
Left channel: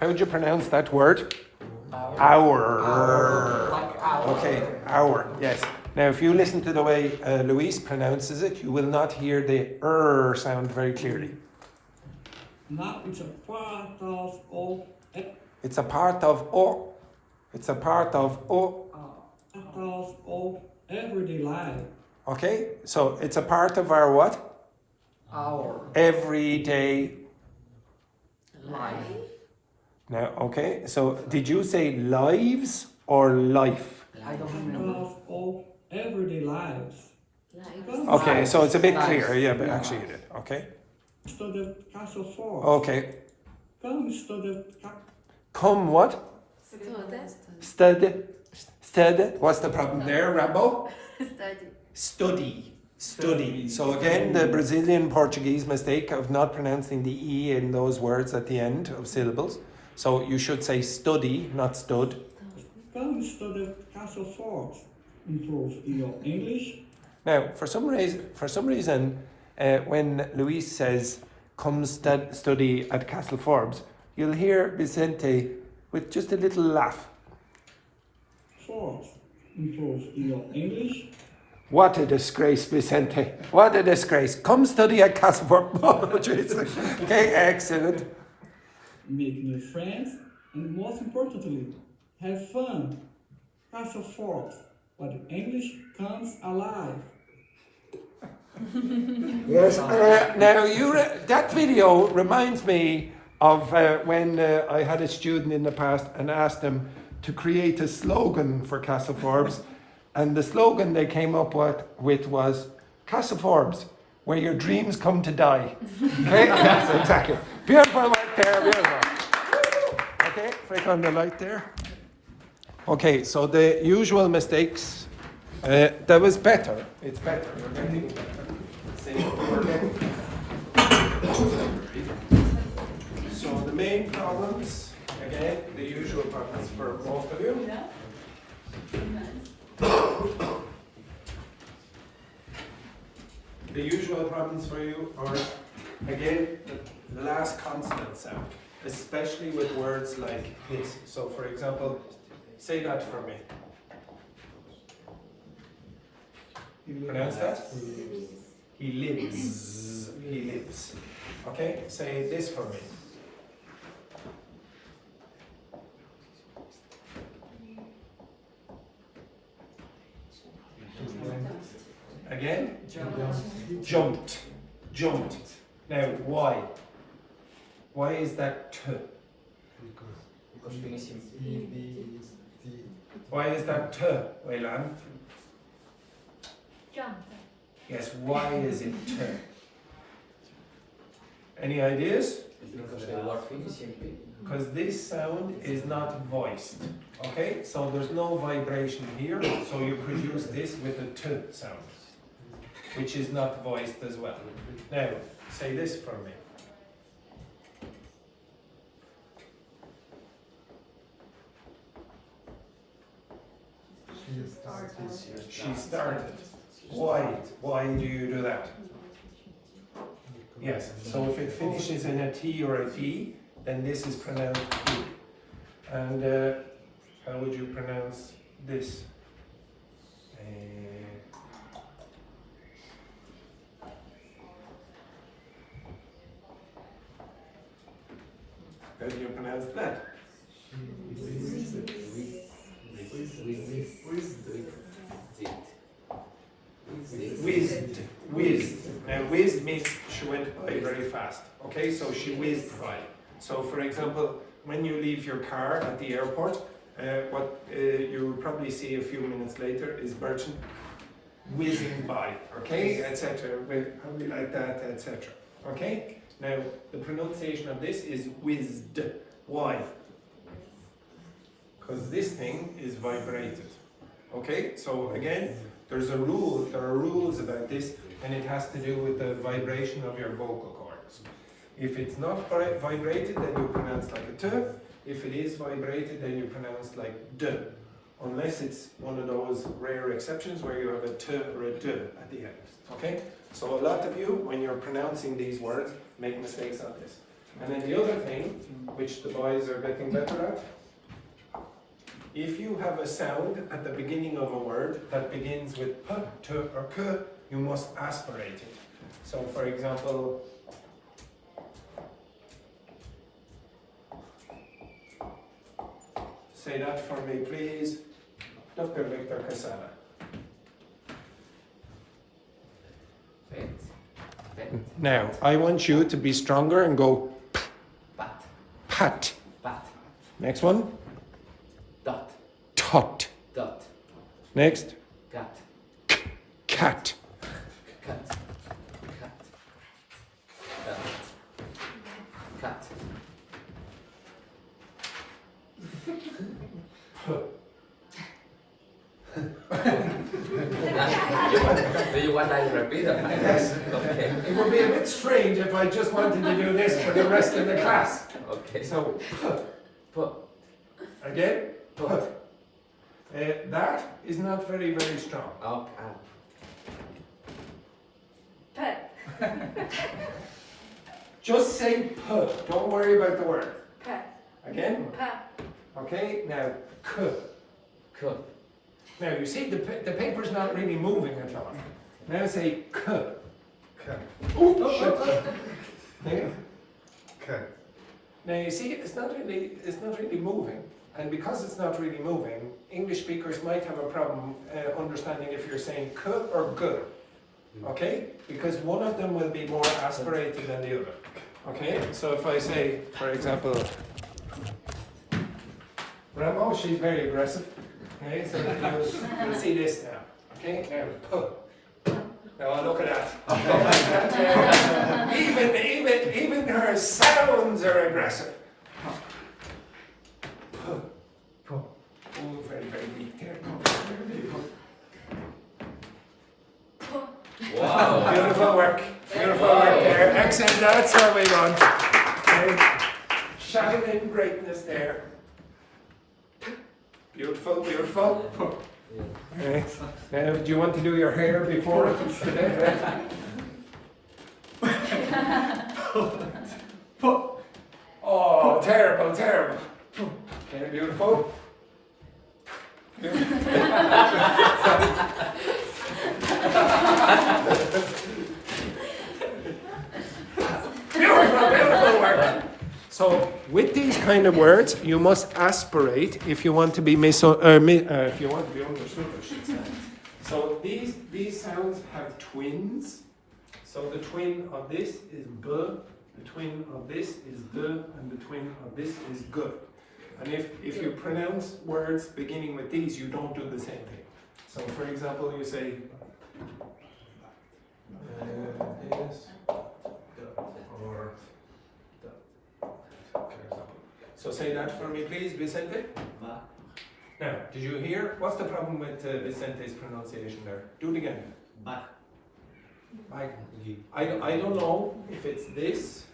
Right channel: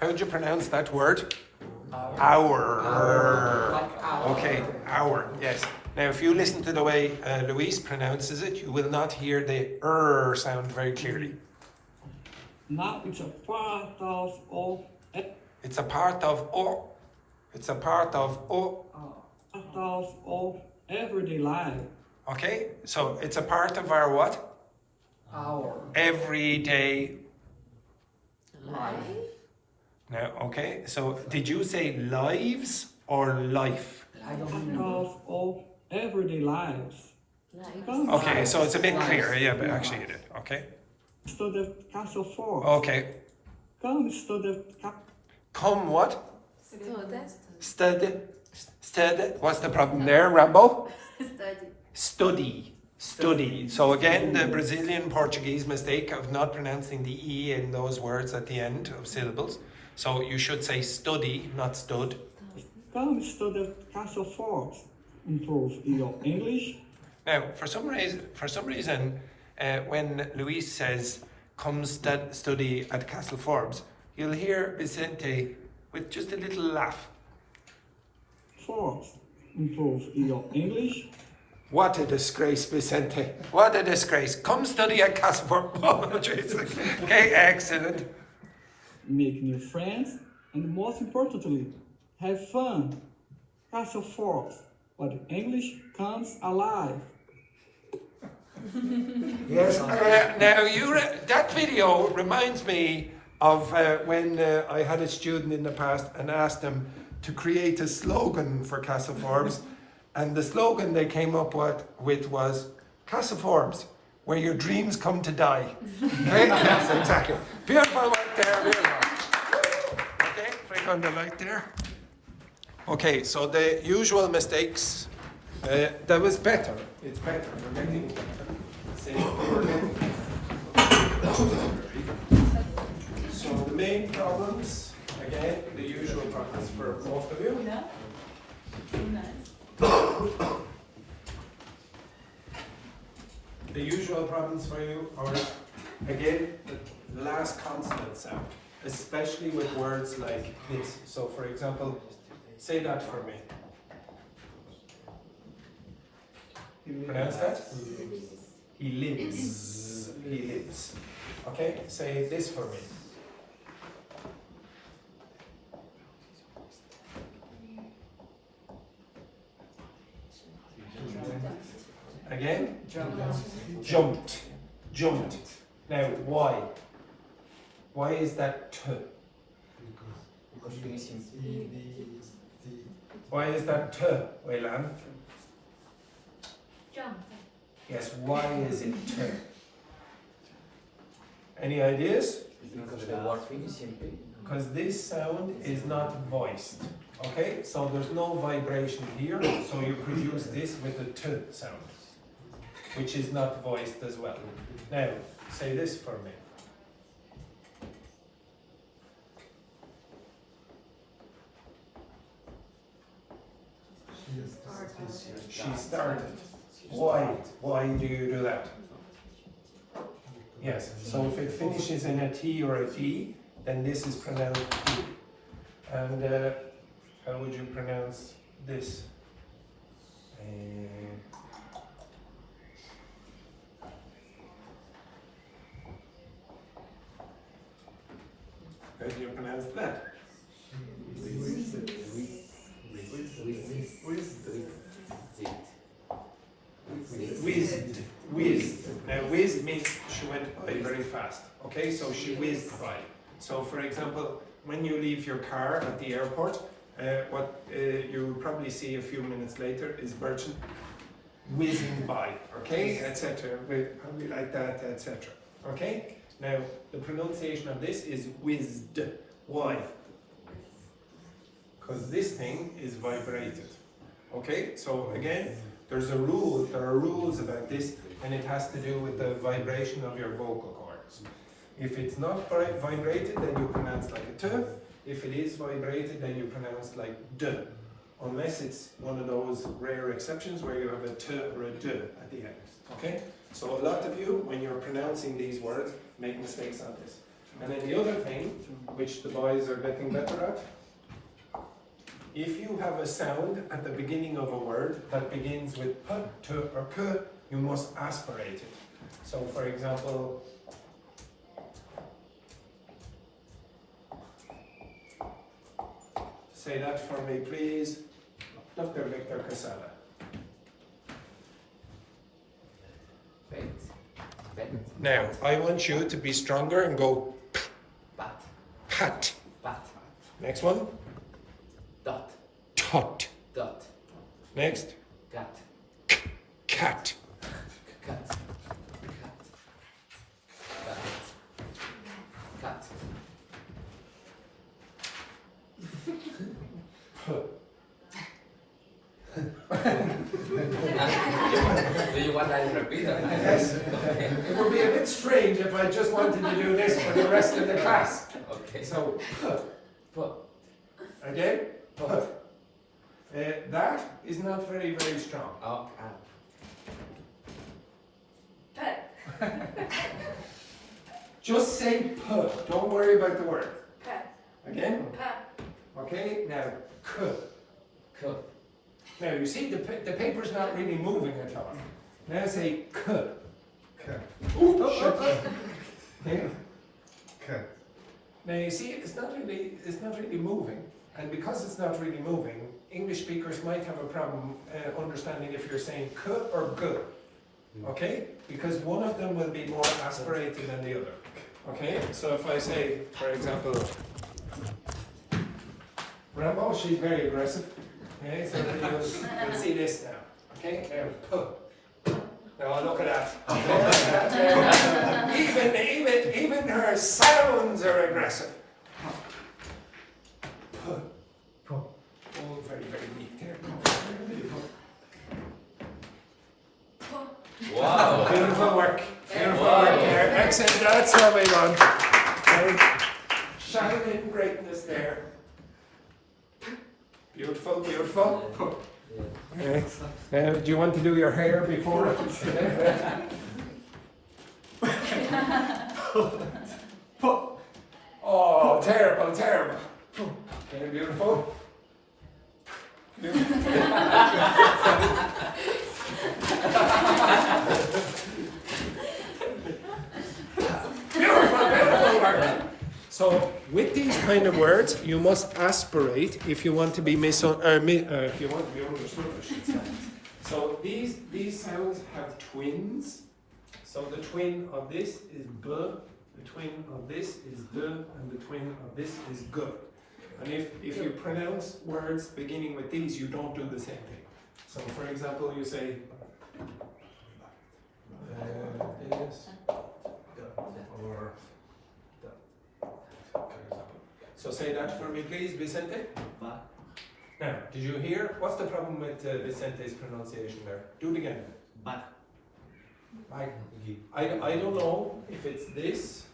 How would you pronounce that word? Hour. Okay, hour, yes. Now, if you listen to the way Luis pronounces it, you will not hear the sound very clearly. Now it's a part of all It's a part of o. It's a part of o. everyday life. Okay, so it's a part of our what? Our Everyday. life. Now, okay, so did you say lives or life? I don't know. Of all everyday lives. Okay, so it's a bit clearer, yeah, but actually you did, okay? Study Castle Forbes. Okay. Come study Come what? Student. Study. What's the problem there, Rambo? Study. Study. So again, the Brazilian Portuguese mistake of not pronouncing the E in those words at the end of syllables. So you should say study, not stud. Come study Castle Forbes. Improve your English. Now, for some reason, when Luis says, come study at Castle Forbes, you'll hear Vicente with just a little laugh. Forbes. Improve your English. What a disgrace, Vicente. What a disgrace. Come study at Castle Forbes. Oh, Jesus. Okay, excellent. Make new friends. And most importantly, have fun. Castle Forbes. Where English comes alive. Yes. Now, that video reminds me of when I had a student in the past and asked them to create a slogan for Casa Forbes, and the slogan they came up with was Casa Forbes, where your dreams come to die. Okay? Yes, exactly. Beautiful right there. Beautiful. Okay, flick on the light there. Okay, so the usual mistakes. That was better. It's better. We're getting better. See, we're getting better. So the main problems, again, the usual problems for both of you. The usual problems for you are, again, the last consonant sound, especially with words like this. So, for example, say that for me. Pronounce that? He lives. He lives. Okay? Say this for me. Again? Jumped. Jumped. Now, why? Why is that t? Why is that t, Wayland? Jump. Yes, why is it t? Any ideas? Because the word finishing P. Because this sound is not voiced. Okay? So there's no vibration here, so you could use this with a t sound, which is not voiced as well. Now, say this for me. She started. Why? Why do you do that? Yes, so if it finishes in a T or a D, then this is pronounced T. And how would you pronounce this? How do you pronounce that? Whizzed. Whizzed. Now, whizzed means she went by very fast. Okay, so she whizzed by. So, for example, when you leave your car at the airport, what you'll probably see a few minutes later is Bertrand whizzing by. Okay, etc. Probably like that, etc. Okay. Now, the pronunciation of this is whizzed. Why? Because this thing is vibrated. Okay, so again, there are rules about this, and it has to do with the vibration of your vocal cords. If it's not vibrated, then you pronounce like a t. If it is vibrated, then you pronounce like d. Unless it's one of those rare exceptions where you have a t or a d at the end. Okay? So a lot of you, when you're pronouncing these words, make mistakes on this. And then the other thing, which the boys are getting better at, if you have a sound at the beginning of a word that begins with p, t, or k, you must aspirate it. So for example, say that for me, please. Dr. Victor Casala. Now, I want you to be stronger and go Pat. pat. Pat. Next one. Dot. Tot. Dot. Next. Cat. Cat. Cat. Cat. Cat. Do you want that to repeat? Yes. It would be a bit strange if I just wanted to do this for the rest of the class. Okay. So, Put. again. Put. That is not very, very strong. Oh. Pet. Just say p. Don't worry about the word. Pet. Again. Pet. Okay. Now k. Cool. Now you see the paper's not really moving at all. Now say k. Ooh, shit. Okay. Now you see it's not really moving, and because it's not really moving, English speakers might have a problem understanding if you're saying k or g. Okay? Because one of them will be more aspirated than the other. Okay, so if I say, for example, Rambo, she's very aggressive. Okay, so then you'll see this now. Okay, now, puh. Now look at that. Even her sounds are aggressive. Puh. Puh. Oh, very, very weak there. Wow. Beautiful work. Beautiful work there. Excellent. That's what we want. Okay. Shining greatness there. Beautiful, beautiful. Okay. Now, do you want to do your hair before? Oh, terrible, terrible. Okay, beautiful. Beautiful, beautiful work. So, with these kind of words, you must aspirate if you want to be if you want to be understood. I should say. So these sounds have twins. So the twin of this is b, the twin of this is d, and the twin of this is g. And if you pronounce words beginning with these, you don't do the same thing. So, for example, you say this or. So say that for me, please, Vicente. Ba. Now, did you hear? What's the problem with Vicente's pronunciation there? Do it again. Ba. I don't know if it's this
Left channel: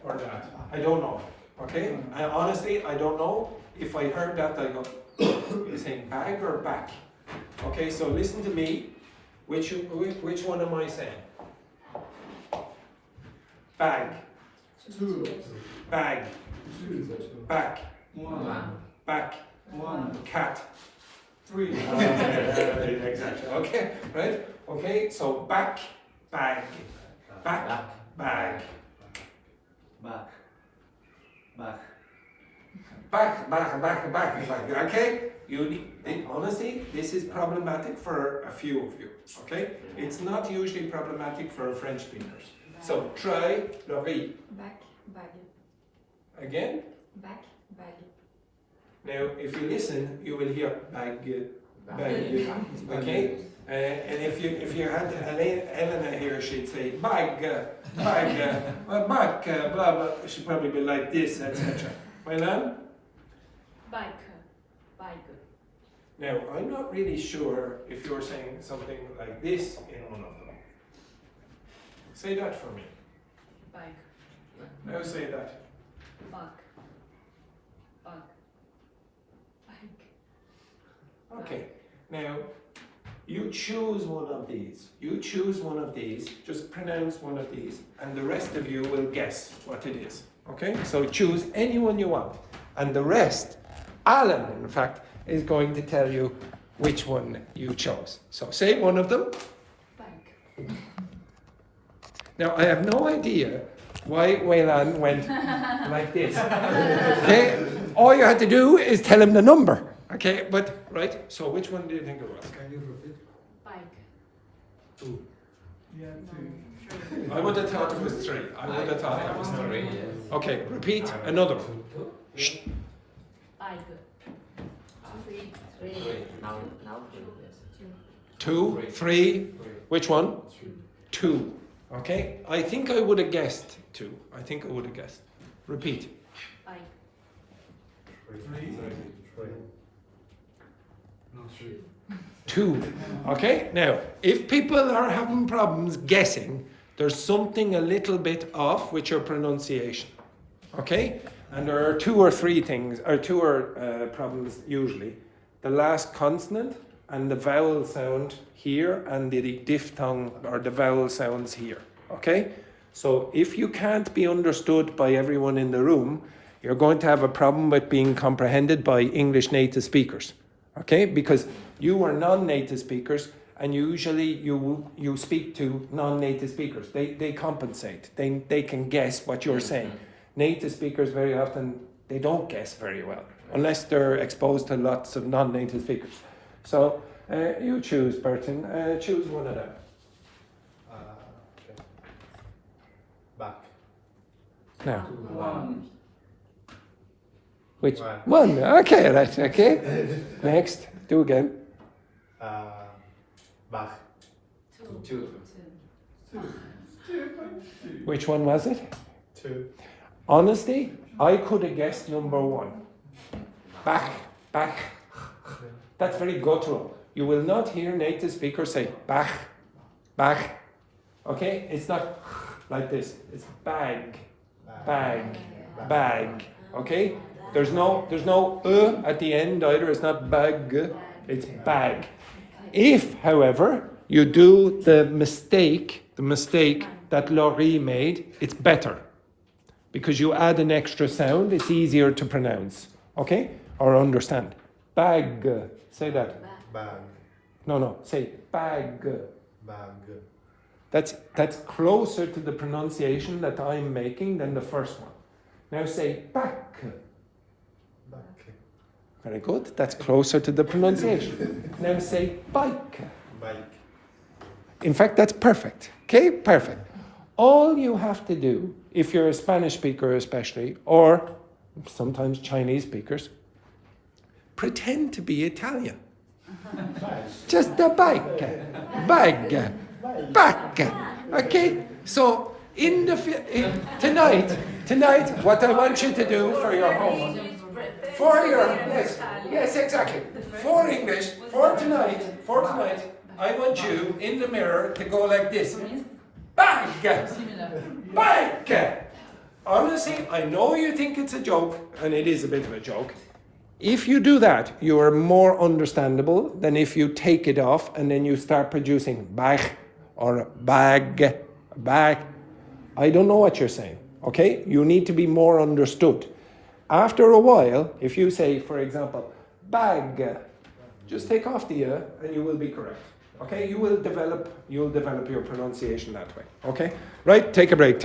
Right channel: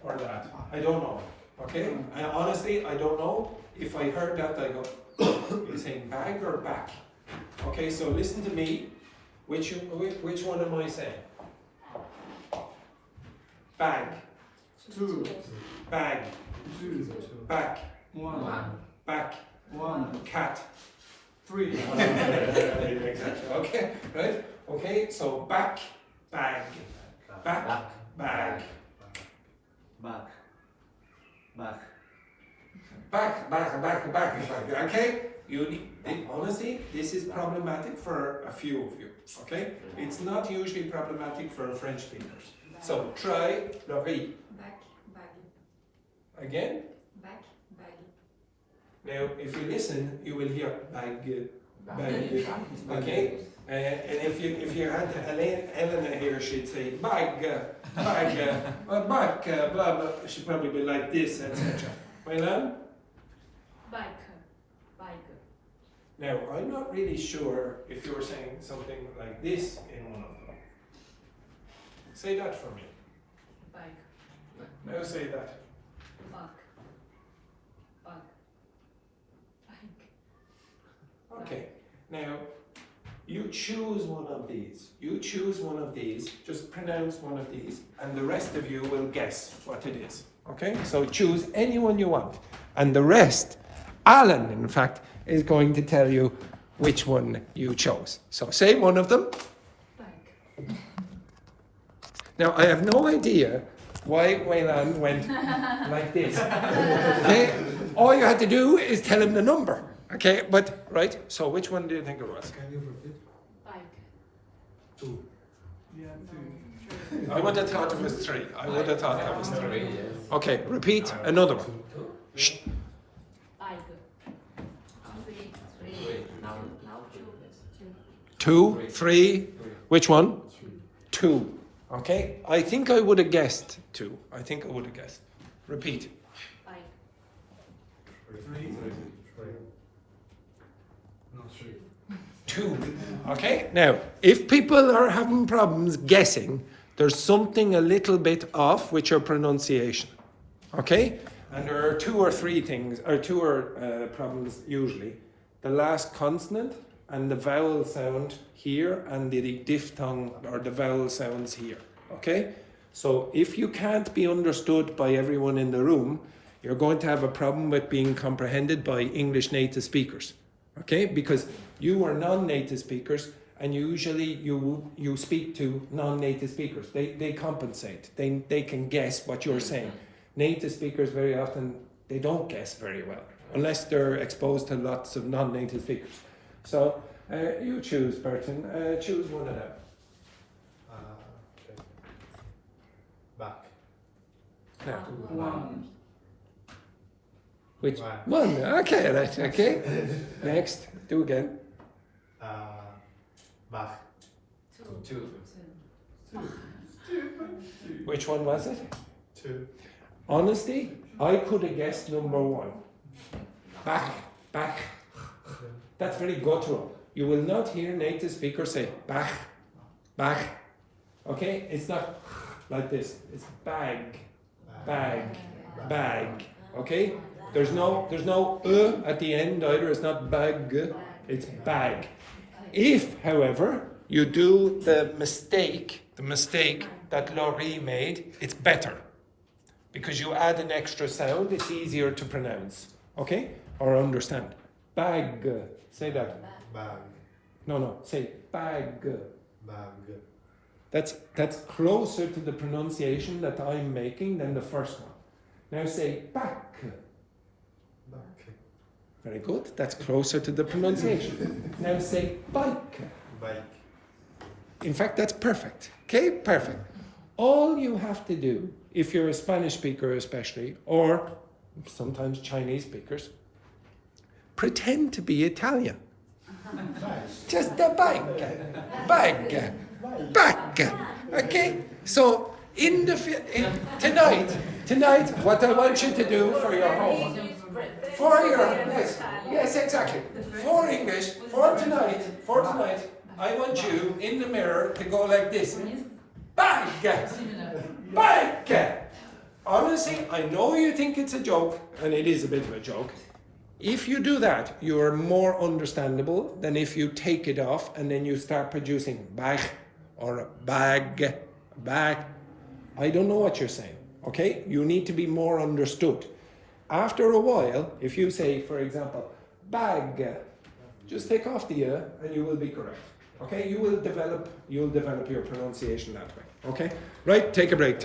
or that. I don't know. Okay? Honestly, I don't know. If I heard that, I go, you're saying bag or back? Okay, so listen to me. Which one am I saying? Bag. Two. Bag. Two. Back. One. Back. One. Cat. Three. Exactly. Okay, right? Okay, so back, bag. Back, bag. Back. Back. Back. Okay? Honestly, this is problematic for a few of you. Okay? It's not usually problematic for French speakers. So try Laurie. Back, baggy. Again? Back, baggy. Now, if you listen, you will hear bag. Okay? And if you had Elena here, she'd say back, blah blah. She'd probably be like this, etc. Well, Bike. now I'm not really sure if you're saying something like this in one of them. Say that for me. Bike. Now say that. Back. Okay. Now you choose one of these. You choose one of these. Just pronounce one of these, and the rest of you will guess what it is. Okay? So choose anyone you want, and the rest, Alan, in fact, is going to tell you which one you chose. So say one of them. Bike. Now I have no idea why Waylan went like this. Okay? All you had to do is tell him the number. Okay, but right. So which one do you think it was? Can you repeat? Bike. Two. Yeah, Three. I would have thought it was three. I would have thought that was three. Okay, repeat another one. Shh. Bike. Now Two, three. Which one? Two. Okay. I think I would have guessed two. I think I would have guessed. Repeat. Bike. No, three. Two. Okay. Now, if people are having problems guessing, there's something a little bit off with your pronunciation. Okay. And there are two or three things, or problems usually. The last consonant and the vowel sound here, and the diphthong or the vowel sounds here. Okay? So if you can't be understood by everyone in the room, you're going to have a problem with being comprehended by English native speakers. Okay? Because you are non-native speakers, and usually you speak to non-native speakers. They compensate. They can guess what you're saying. Native speakers very often, they don't guess very well, unless they're exposed to lots of non-native speakers. So you choose, Burton. Choose one of them. Okay. Now. One. Which? One. One. Okay, right, okay. Next. Do again. Bach. Two. Which one was it? Two. Honestly, I could have guessed number one. Back, back. That's very guttural. You will not hear native speakers say back, back. Okay? It's not like this. It's bag, bag, bag. Okay? There's no at the end either. It's not bag. It's bag. If, however, you do the mistake that Laurie made, it's better. Because you add an extra sound, it's easier to pronounce. Okay? Or understand. Bag. Say that. Bag. No. Say bag. Bag. That's closer to the pronunciation that I'm making than the first one. Now say back. Back. Very good. That's closer to the pronunciation. Now say bike. Bike. In fact, that's perfect. Okay? Perfect. All you have to do, if you're a Spanish speaker especially, or sometimes Chinese speakers, pretend to be Italian. Just the bike. Bag. Back. Okay? So, tonight, what I want you to do for your homework, yes, exactly. For English, for tonight, I want you in the mirror to go like this. Bag! Bag! Honestly, I know you think it's a joke, and it is a bit of a joke. If you do that, you are more understandable than if you take it off and then you start producing bag or bag, bag. I don't know what you're saying, okay? You need to be more understood. After a while, if you say, for example, bag, just take off the and you will be correct. Okay, you'll develop your pronunciation that way. Okay? Right, take a break.